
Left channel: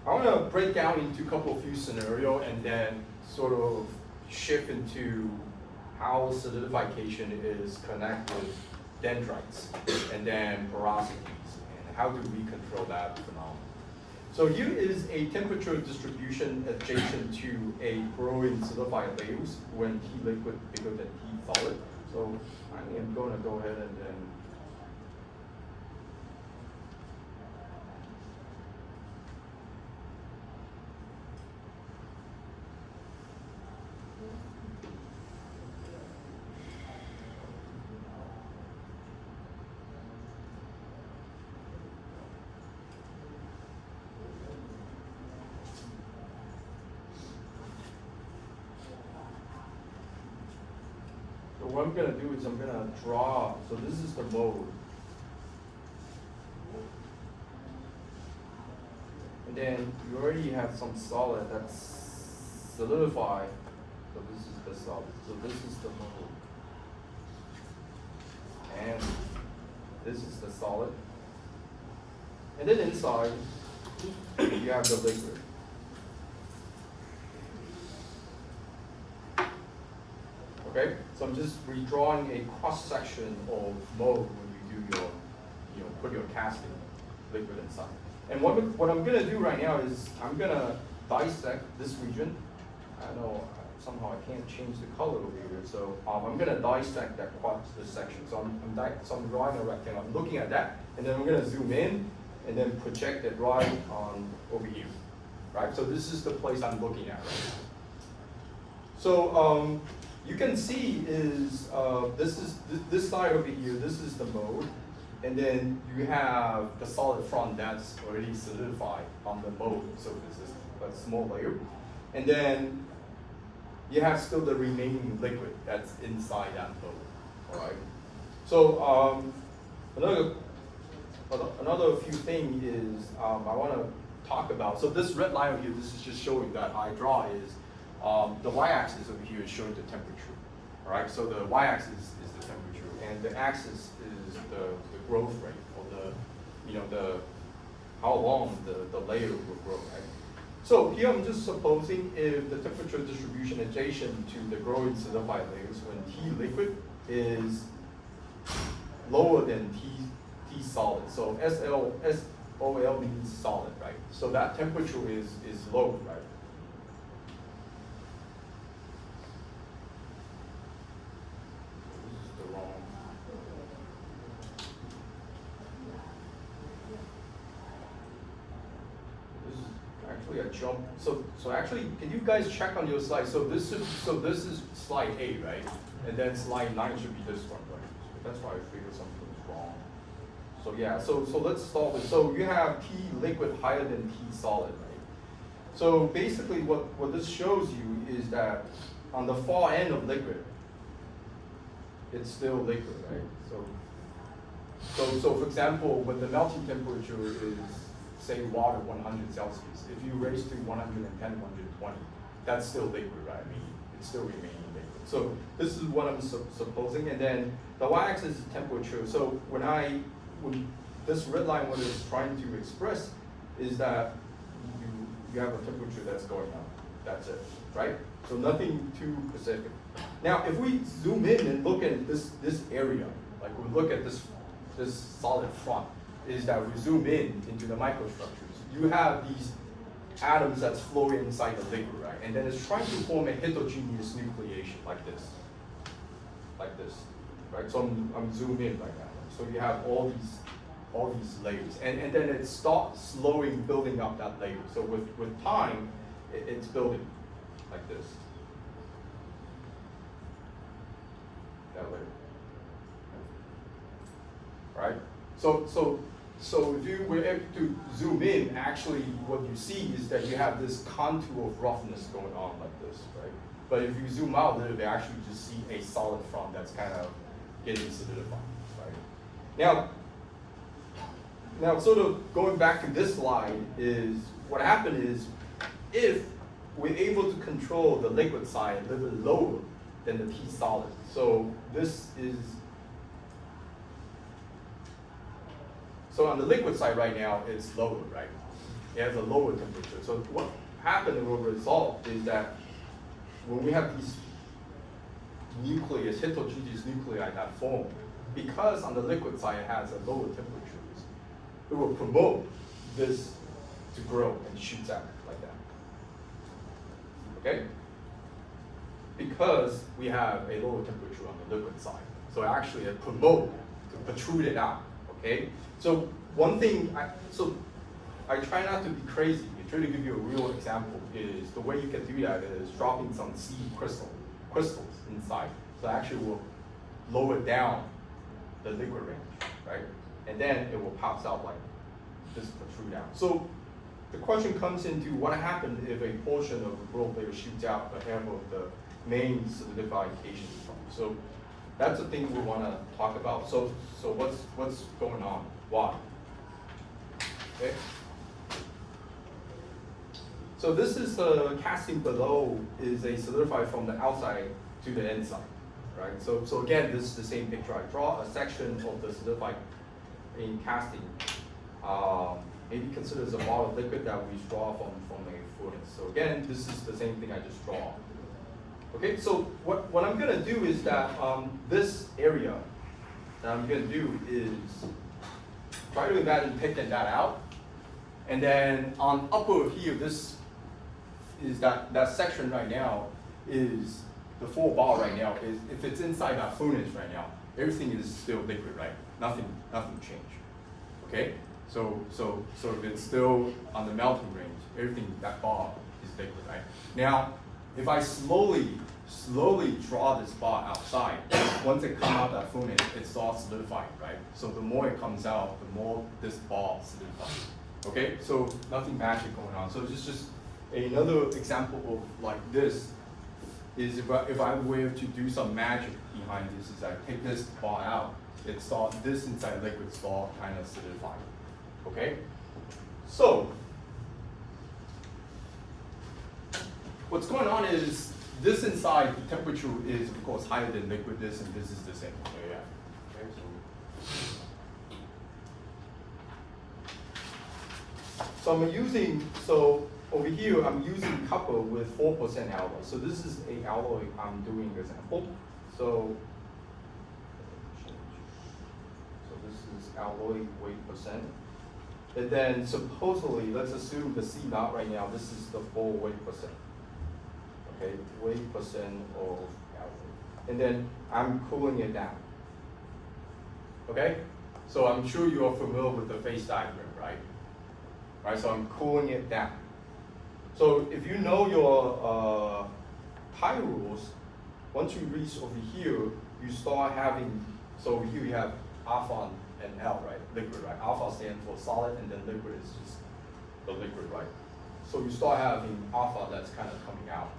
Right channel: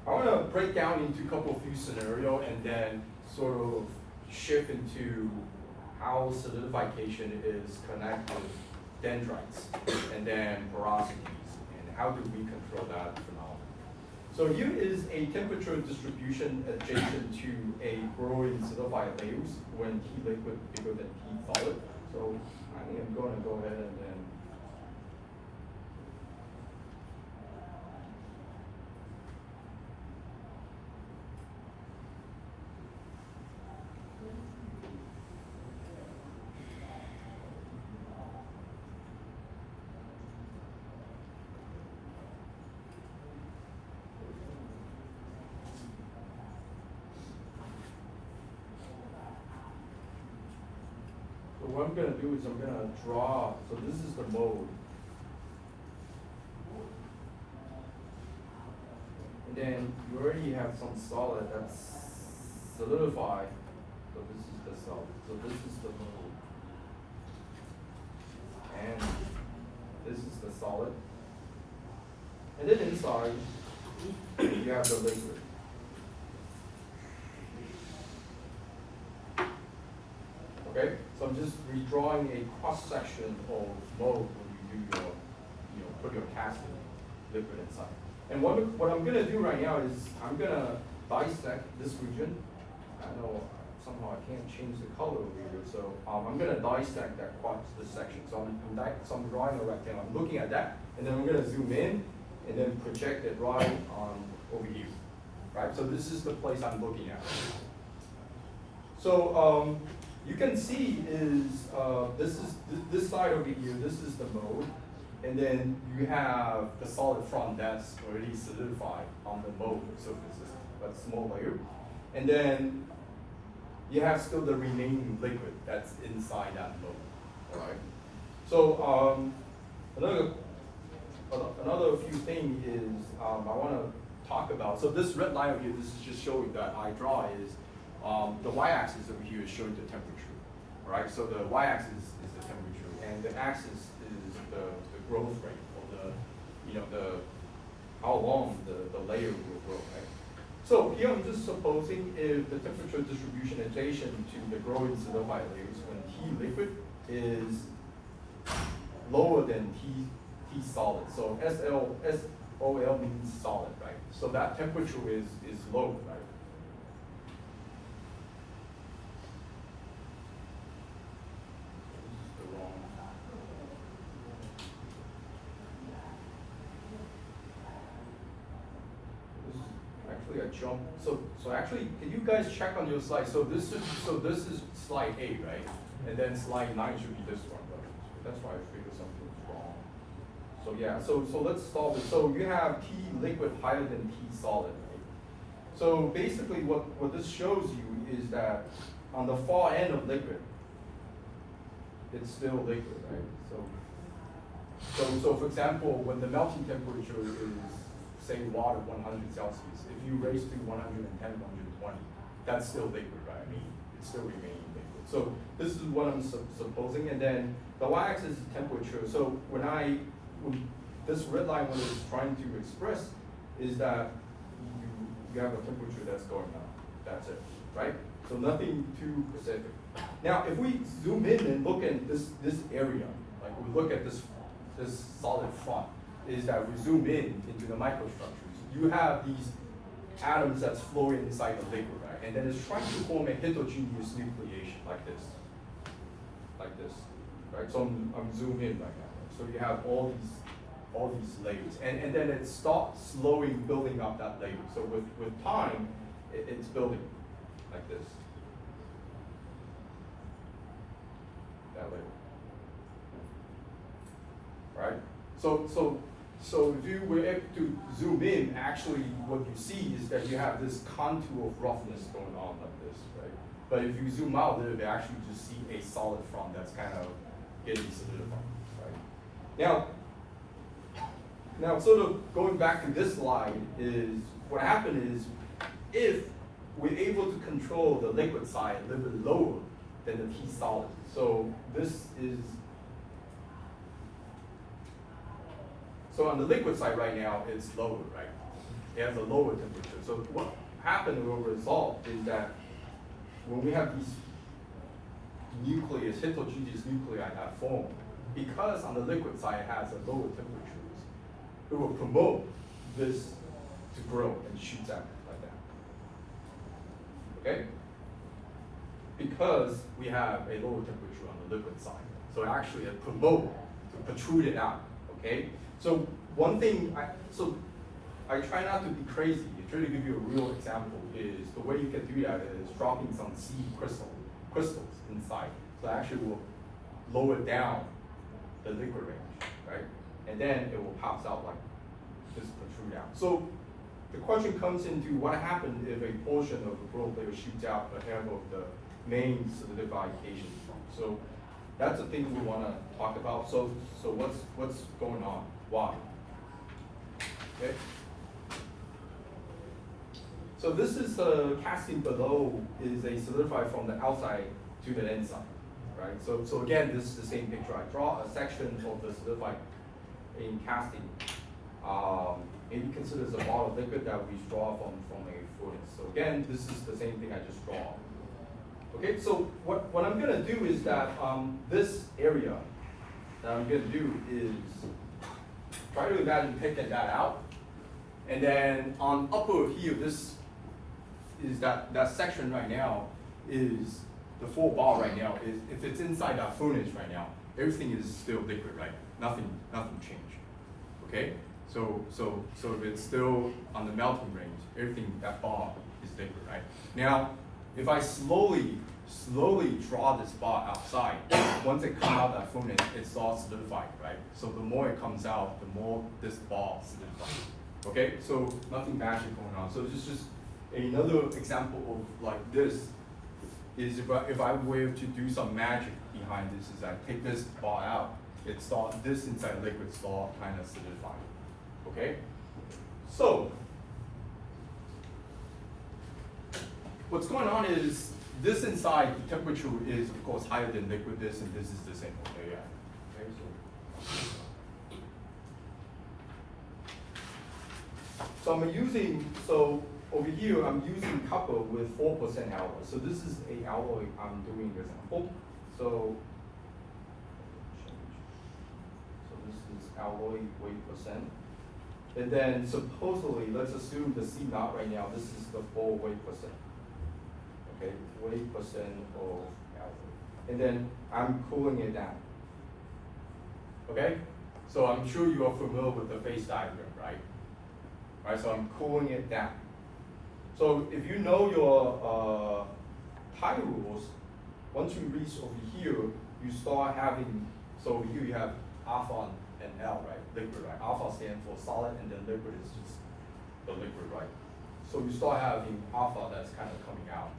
I want to break down into a couple of few scenarios and then sort of shift into how solidification is connected with dendrites and then porosities, and how do we control that phenomenon. So here is a temperature distribution adjacent to a growing solidified layers when T liquid bigger than T solid. So I am going to go ahead and then what I'm going to do is I'm going to draw, so this is the mode. And then you already have some solid that's solidified. So this is the solid. So this is the mode. And this is the solid. And then inside, you have the liquid. Okay, so I'm just redrawing a cross section of mode when you do your, put your casting liquid inside. And what I'm gonna do right now is I'm gonna dissect this region. I know somehow I can't change the color over here, so I'm gonna dissect that this section. So I'm drawing a rectangle. I'm looking at that, and then I'm gonna zoom in and then project it right on over here. Right. So this is the place I'm looking at. So you can see is this side over here. This is the mold, and then you have the solid front that's already solidified on the mold. So this is a small layer, and then you have still the remaining liquid that's inside that mold. All right. So another few thing is I want to talk about. So this red line over here, this is just showing that I draw is the y-axis over here is showing the temperature. All right. So the y-axis is the temperature, and the axis is the growth rate, or the how long the layer will grow. Right? So here I'm just supposing if the temperature distribution adjacent to the growing solidified layers when T liquid is lower than T solid. So SOL means solid, right? So that temperature is low, right? This is the wrong. This is actually a jump. So actually, can you guys check on your slide? So this is slide 8, right? And then slide 9 should be this one, right? So that's why I figured something was wrong. So yeah, so let's start with, so you have T liquid higher than T solid, right? So basically what this shows you is that on the far end of liquid, it's still liquid, right? So for example, when the melting temperature is, say, water 100 Celsius, if you raise to 110, 120, that's still liquid, right? I mean, it's still remaining liquid. So this is what I'm supposing, and then the y-axis is temperature. So when this red line, what it's trying to express is that you have a temperature that's going up. That's it, right? So nothing too specific. Now, if we zoom in and look at this area, like we look at this solid front, is that we zoom in into the microstructures. You have these atoms that's flowing inside the liquid, right? And then it's trying to form a heterogeneous nucleation like this, right? So I'm zoomed in right now. So you have all these layers, and then it starts slowly building up that layer. So with time, it's building like this. That layer, right? So if you were able to zoom in, actually what you see is that you have this contour of roughness going on like this, right? But if you zoom out a little bit, actually just see a solid front that's kind of getting solidified, right? Now sort of going back to this slide is, what happened is, if we're able to control the liquid side a little bit lower than the T solid, so this is, so on the liquid side right now, it's lower, right? It has a lower temperature. So what happened as a result is that when we have these nucleus, heterogeneous nuclei that form, because on the liquid side it has a lower temperatures, it will promote this to grow and shoots out like that. Okay? Because we have a lower temperature on the liquid side. So actually it promotes to protrude it out. Okay? So one thing, I try not to be crazy. I try to give you a real example. Is the way you can do that is dropping some seed crystals inside. So actually will lower down the liquid range, right? And then it will pop out like just protrude out. So the question comes into what happens if a portion of the growth layer shoots out ahead of the main solidification from. So that's the thing we want to talk about. So what's going on? Why? Okay. So this is the casting below is a solidified from the outside to the inside, right? So again, this is the same picture. I draw a section of the solidified in casting. Maybe consider as a bottle of liquid that we draw from a furnace. So again, this is the same thing I just draw. Okay, so what I'm gonna do is that this area that I'm gonna do is try to imagine picking that out. And then on upper here, this is that section right now is the full bar right now is, if it's inside that furnace right now, everything is still liquid, right? Nothing changed. Okay? So if it's still on the melting range, everything, that bar is liquid, right? Now, if I slowly draw this bar outside, once it comes out that furnace, it starts solidifying, right? So the more it comes out, the more this bar solidifies. Okay, so nothing magic going on. So this is just another example of like this. Is if I were to do some magic behind this, is I take this bar out, it start this inside liquid start kind of solidifying. Okay, so what's going on is this inside the temperature is of course higher than liquid this, and this is the same. Okay, yeah. Okay, so I'm using over here, I'm using copper with 4% alloy. So this is a alloy I'm doing example. So this is alloy weight percent. And then supposedly, let's assume the C naught right now, this is the full weight percent. Okay, weight percent of alloy. And then I'm cooling it down. Okay? So I'm sure you are familiar with the phase diagram, right? Right, so I'm cooling it down. So if you know your pi rules, once you reach over here, you start having, so over here you have alpha and L, right? Liquid, right? Alpha stands for solid, and then liquid is just the liquid, right? So you start having alpha that's kind of coming out.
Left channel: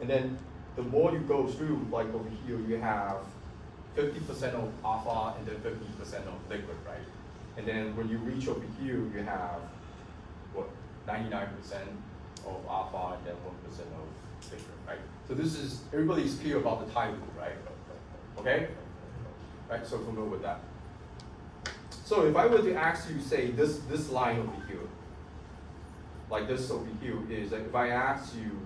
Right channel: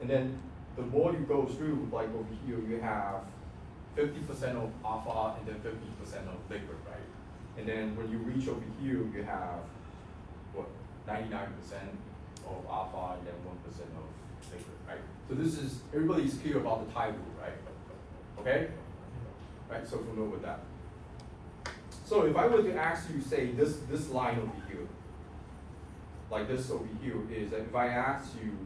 And then the more you go through, like over here, you have 50% of alpha and then 50% of liquid, right? And then when you reach over here, you have, what, 99% of alpha and then 1% of liquid, right? So this is, everybody's clear about the tie rule, right? Okay? Right, so familiar with that. So if I were to ask you, say, this line over here, like this over here, is that if I ask you,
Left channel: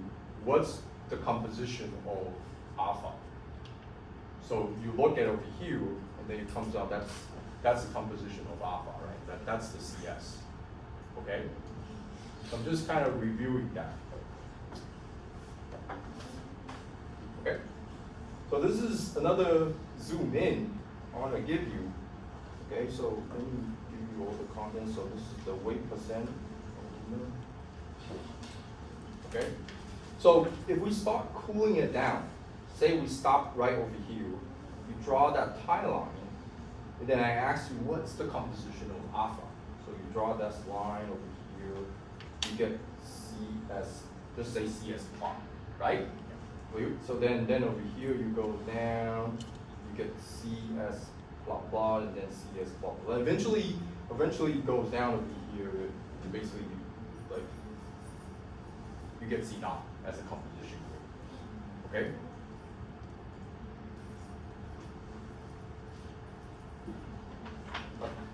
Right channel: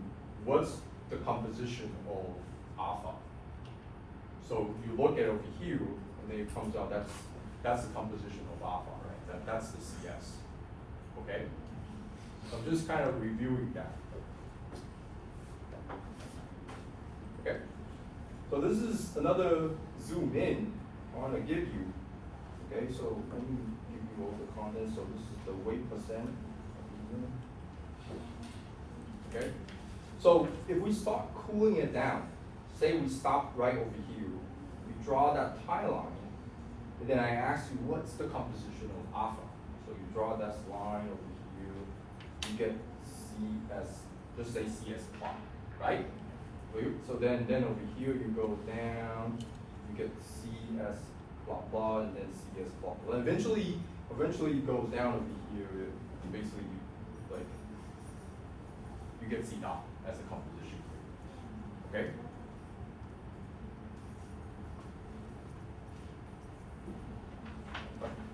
what's the composition of alpha? So you look at over here, and then it comes out, that's the composition of alpha, right? That's the CS, okay? So I'm just kind of reviewing that. Okay, so this is another zoom in I want to give you. Okay, so let me give you all the contents. So this is the weight percent. Okay, so if we start cooling it down, say we stop right over here, you draw that tie line, and then I ask you what's the composition of alpha. So you draw that line over here, you get CS, just say CS plot, right? So then over here you go down, you get CS blah blah, and then CS blah blah. Eventually it goes down over here, and basically you get C naught as a composition. Okay?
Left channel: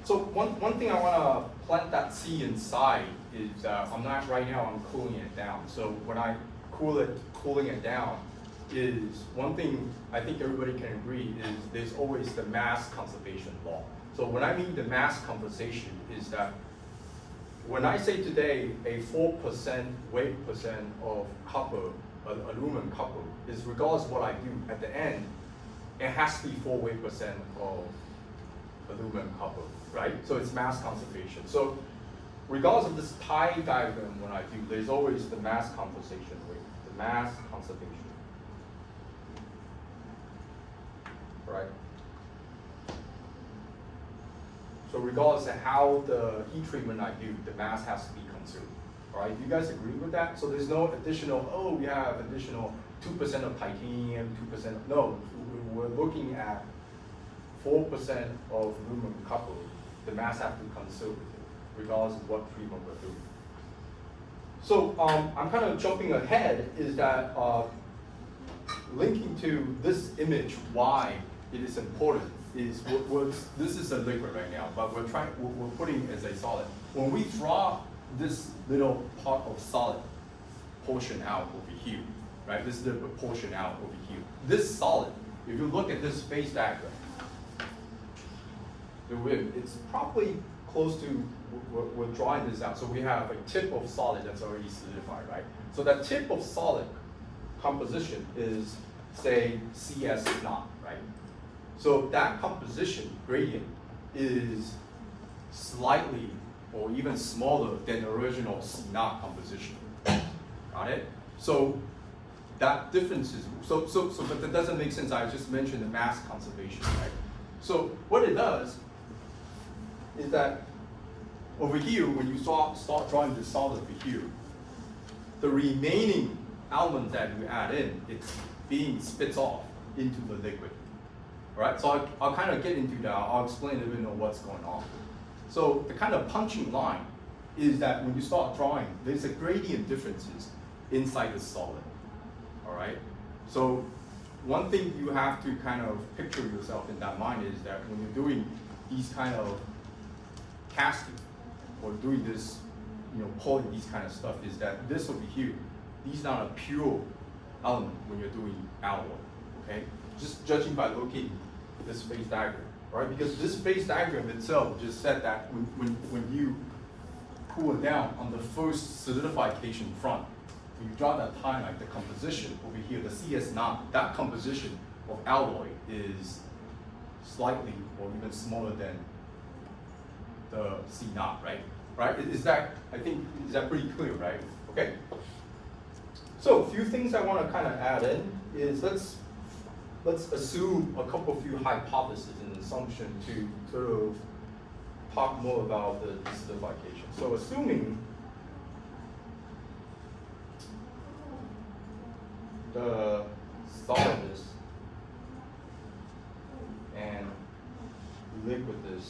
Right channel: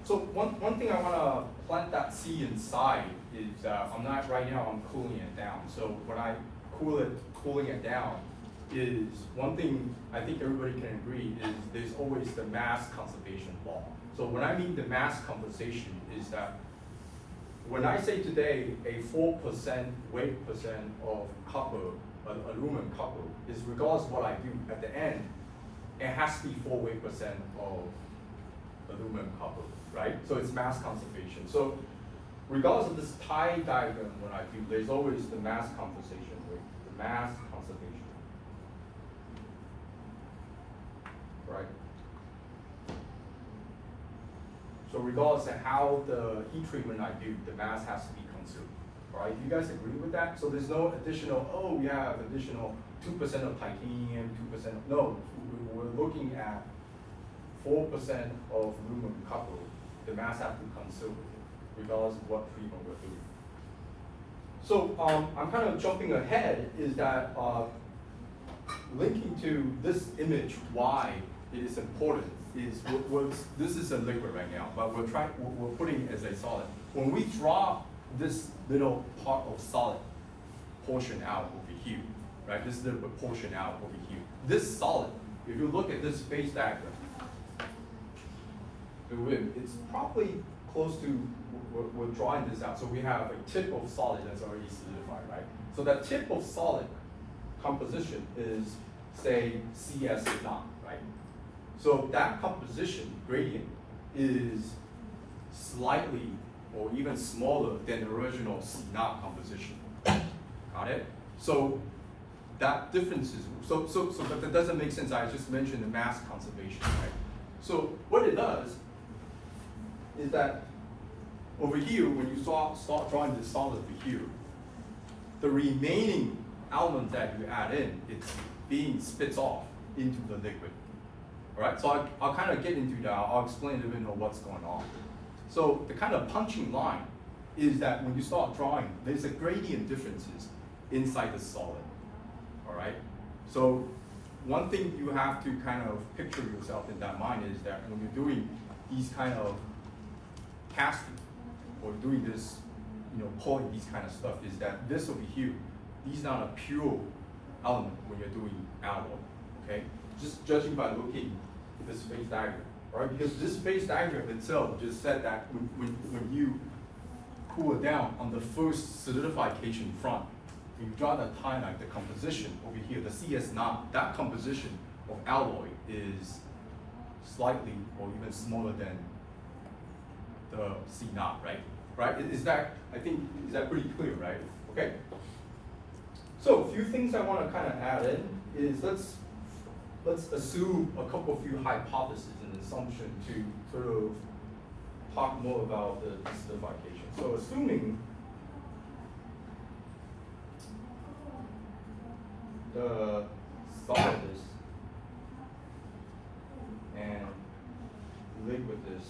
So one thing I want to plant that C inside is I'm cooling it down. So when I cooling it down is one thing I think everybody can agree is there's always the mass conservation law. So when I mean the mass conservation is that when I say today a 4% weight percent of copper, aluminum copper, is regardless of what I do at the end, it has to be 4 weight percent of aluminum copper, right? So it's mass conservation. So regardless of this tie diagram when I do, there's always the mass conservation rate, the mass conservation, right? So regardless of how the heat treatment I do, the mass has to be consumed, right? Do you guys agree with that? So there's no additional, oh, we have additional 2% of titanium, 2%, no, we're looking at 4% of aluminum copper, the mass has to consume regardless of what treatment we're doing. So I'm kind of jumping ahead is that linking to this image, why it is important is this is a liquid right now, but we're putting it as a solid. When we draw this little part of solid portion out over here, right? This little portion out over here. This solid, if you look at this phase diagram, the rim, it's probably close to, we're drawing this out. So we have a tip of solid that's already solidified, right? So that tip of solid composition is, say, CS naught, right? So that composition gradient is slightly or even smaller than the original C naught composition. Got it? So that difference is, but that doesn't make sense. I just mentioned the mass conservation, right? So what it does is that over here, when you start drawing the solid over here, the remaining element that you add in, it's being spits off into the liquid. All right, so I'll kind of get into that. I'll explain a little bit of what's going on. So the kind of punching line is that when you start drawing, there's a gradient differences inside the solid. All right, so one thing you have to kind of picture yourself in that mind is that when you're doing these kind of casting or doing this, pulling these kind of stuff, is that this over here, these are not a pure element when you're doing alloy. Okay, just judging by looking at this phase diagram, right? Because this phase diagram itself just said that when you cool it down on the first solidification front, when you draw that timeline, the composition over here, the CS knot, that composition of alloy is slightly or even smaller than the C knot, right? Right? Is that pretty clear, right? Okay. So a few things I want to kind of add in is let's assume a couple few hypotheses and assumption to sort of talk more about the solidification. So assuming the solidus and liquidus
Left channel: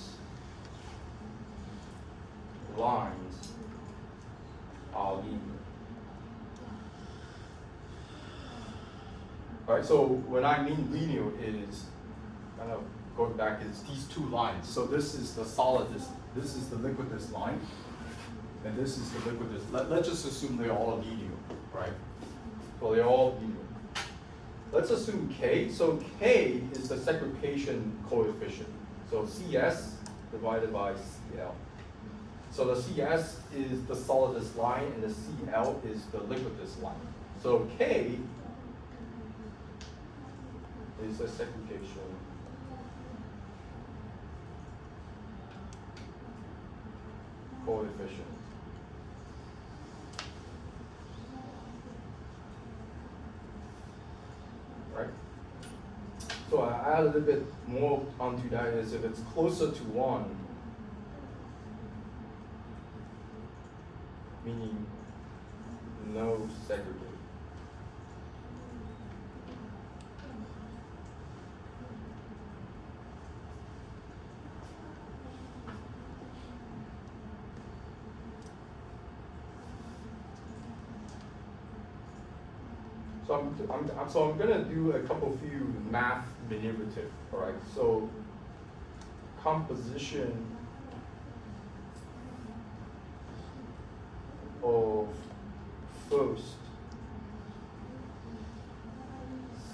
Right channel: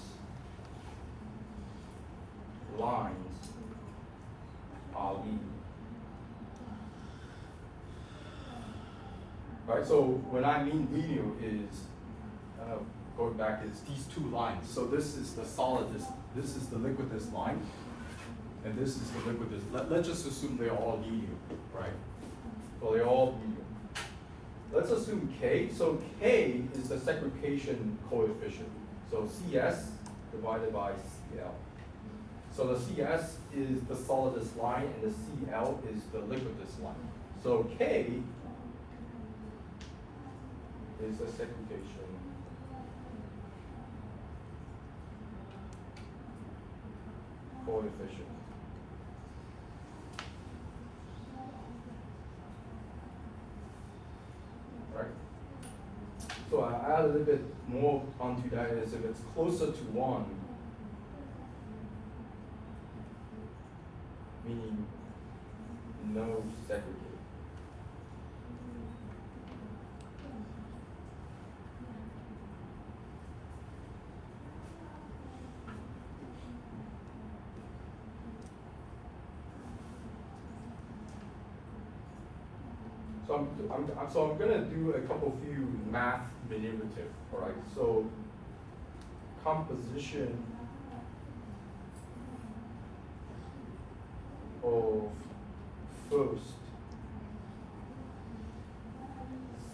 lines are linear. All right, so when I mean linear is, kind of going back, is these two lines. So this is the solidus, this is the liquidus line, and this is the liquidus. Let's just assume they're all linear, right? So they're all linear. Let's assume K. So K is the segregation coefficient. So CS divided by CL. So the CS is the solidus line and the CL is the liquidus line. So K is the segregation coefficient. Right? So I add a little bit more onto that is if it's closer to 1, meaning no segregation. So I'm gonna do a couple few math manipulative, all right? So composition of first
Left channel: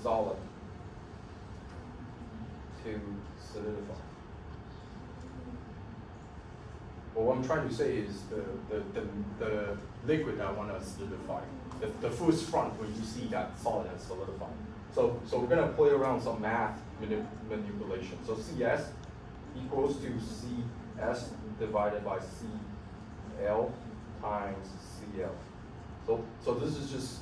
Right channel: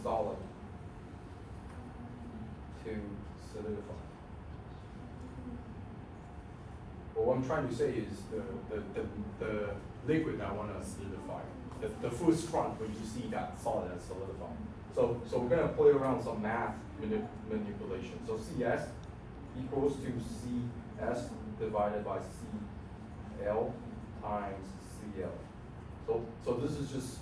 solid to solidify. Well, what I'm trying to say is the liquid I want to solidify. The first front when you see that solid has solidified. So we're gonna play around some math manipulation. So CS equals to CS divided by CL times CL. So this is just,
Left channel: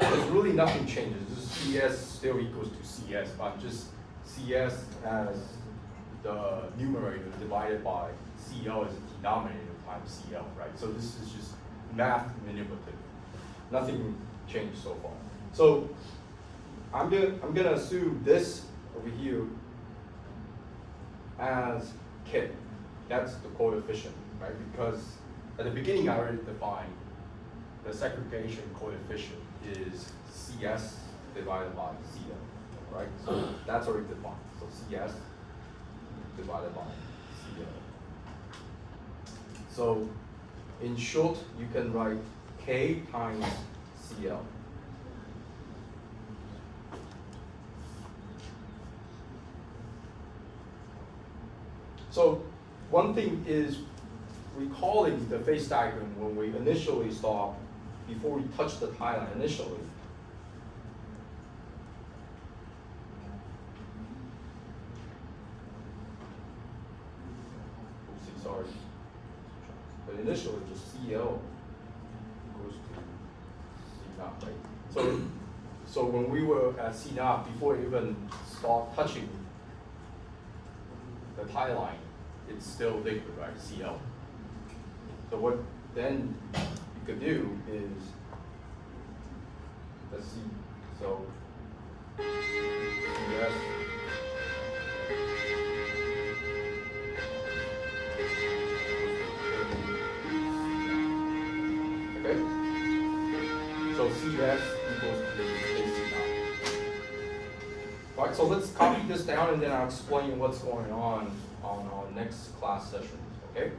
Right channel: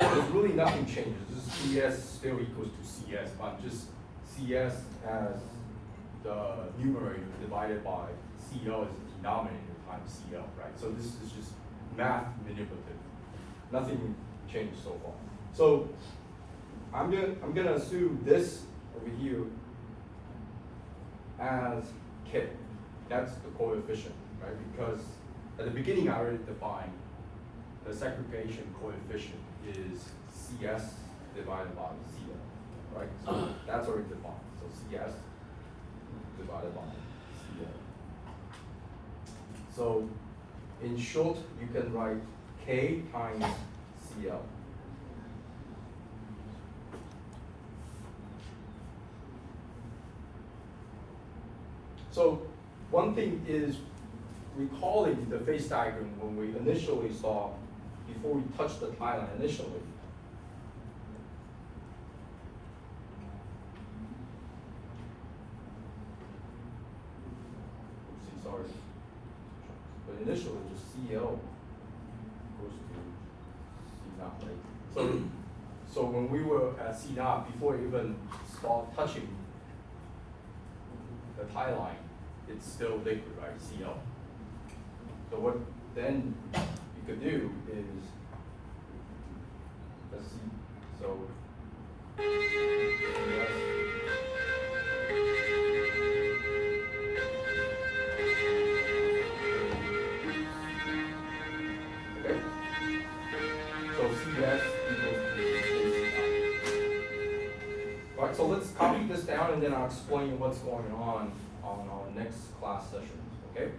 there's really nothing changes. This is CS still equals to CS, but just CS as the numerator divided by CL as the denominator times CL, right? So this is just math manipulative. Nothing changed so far. So I'm gonna assume this over here as K. That's the coefficient, right? Because at the beginning I already defined the segregation coefficient is CS divided by CL, right? So that's already defined. So CS divided by CL. So in short, you can write K times CL. So one thing is recalling the phase diagram when we initially saw, before we touched the tie line initially. Oopsie, sorry. But initially just CL goes to So when we were at C naught, before it even start touching the tie line, it's still liquid, right? CL. So what then you could do is, let's see. So yes. Okay. So CS equals AC. All right, so let's copy this down and then I'll explain what's going on our next class session, okay?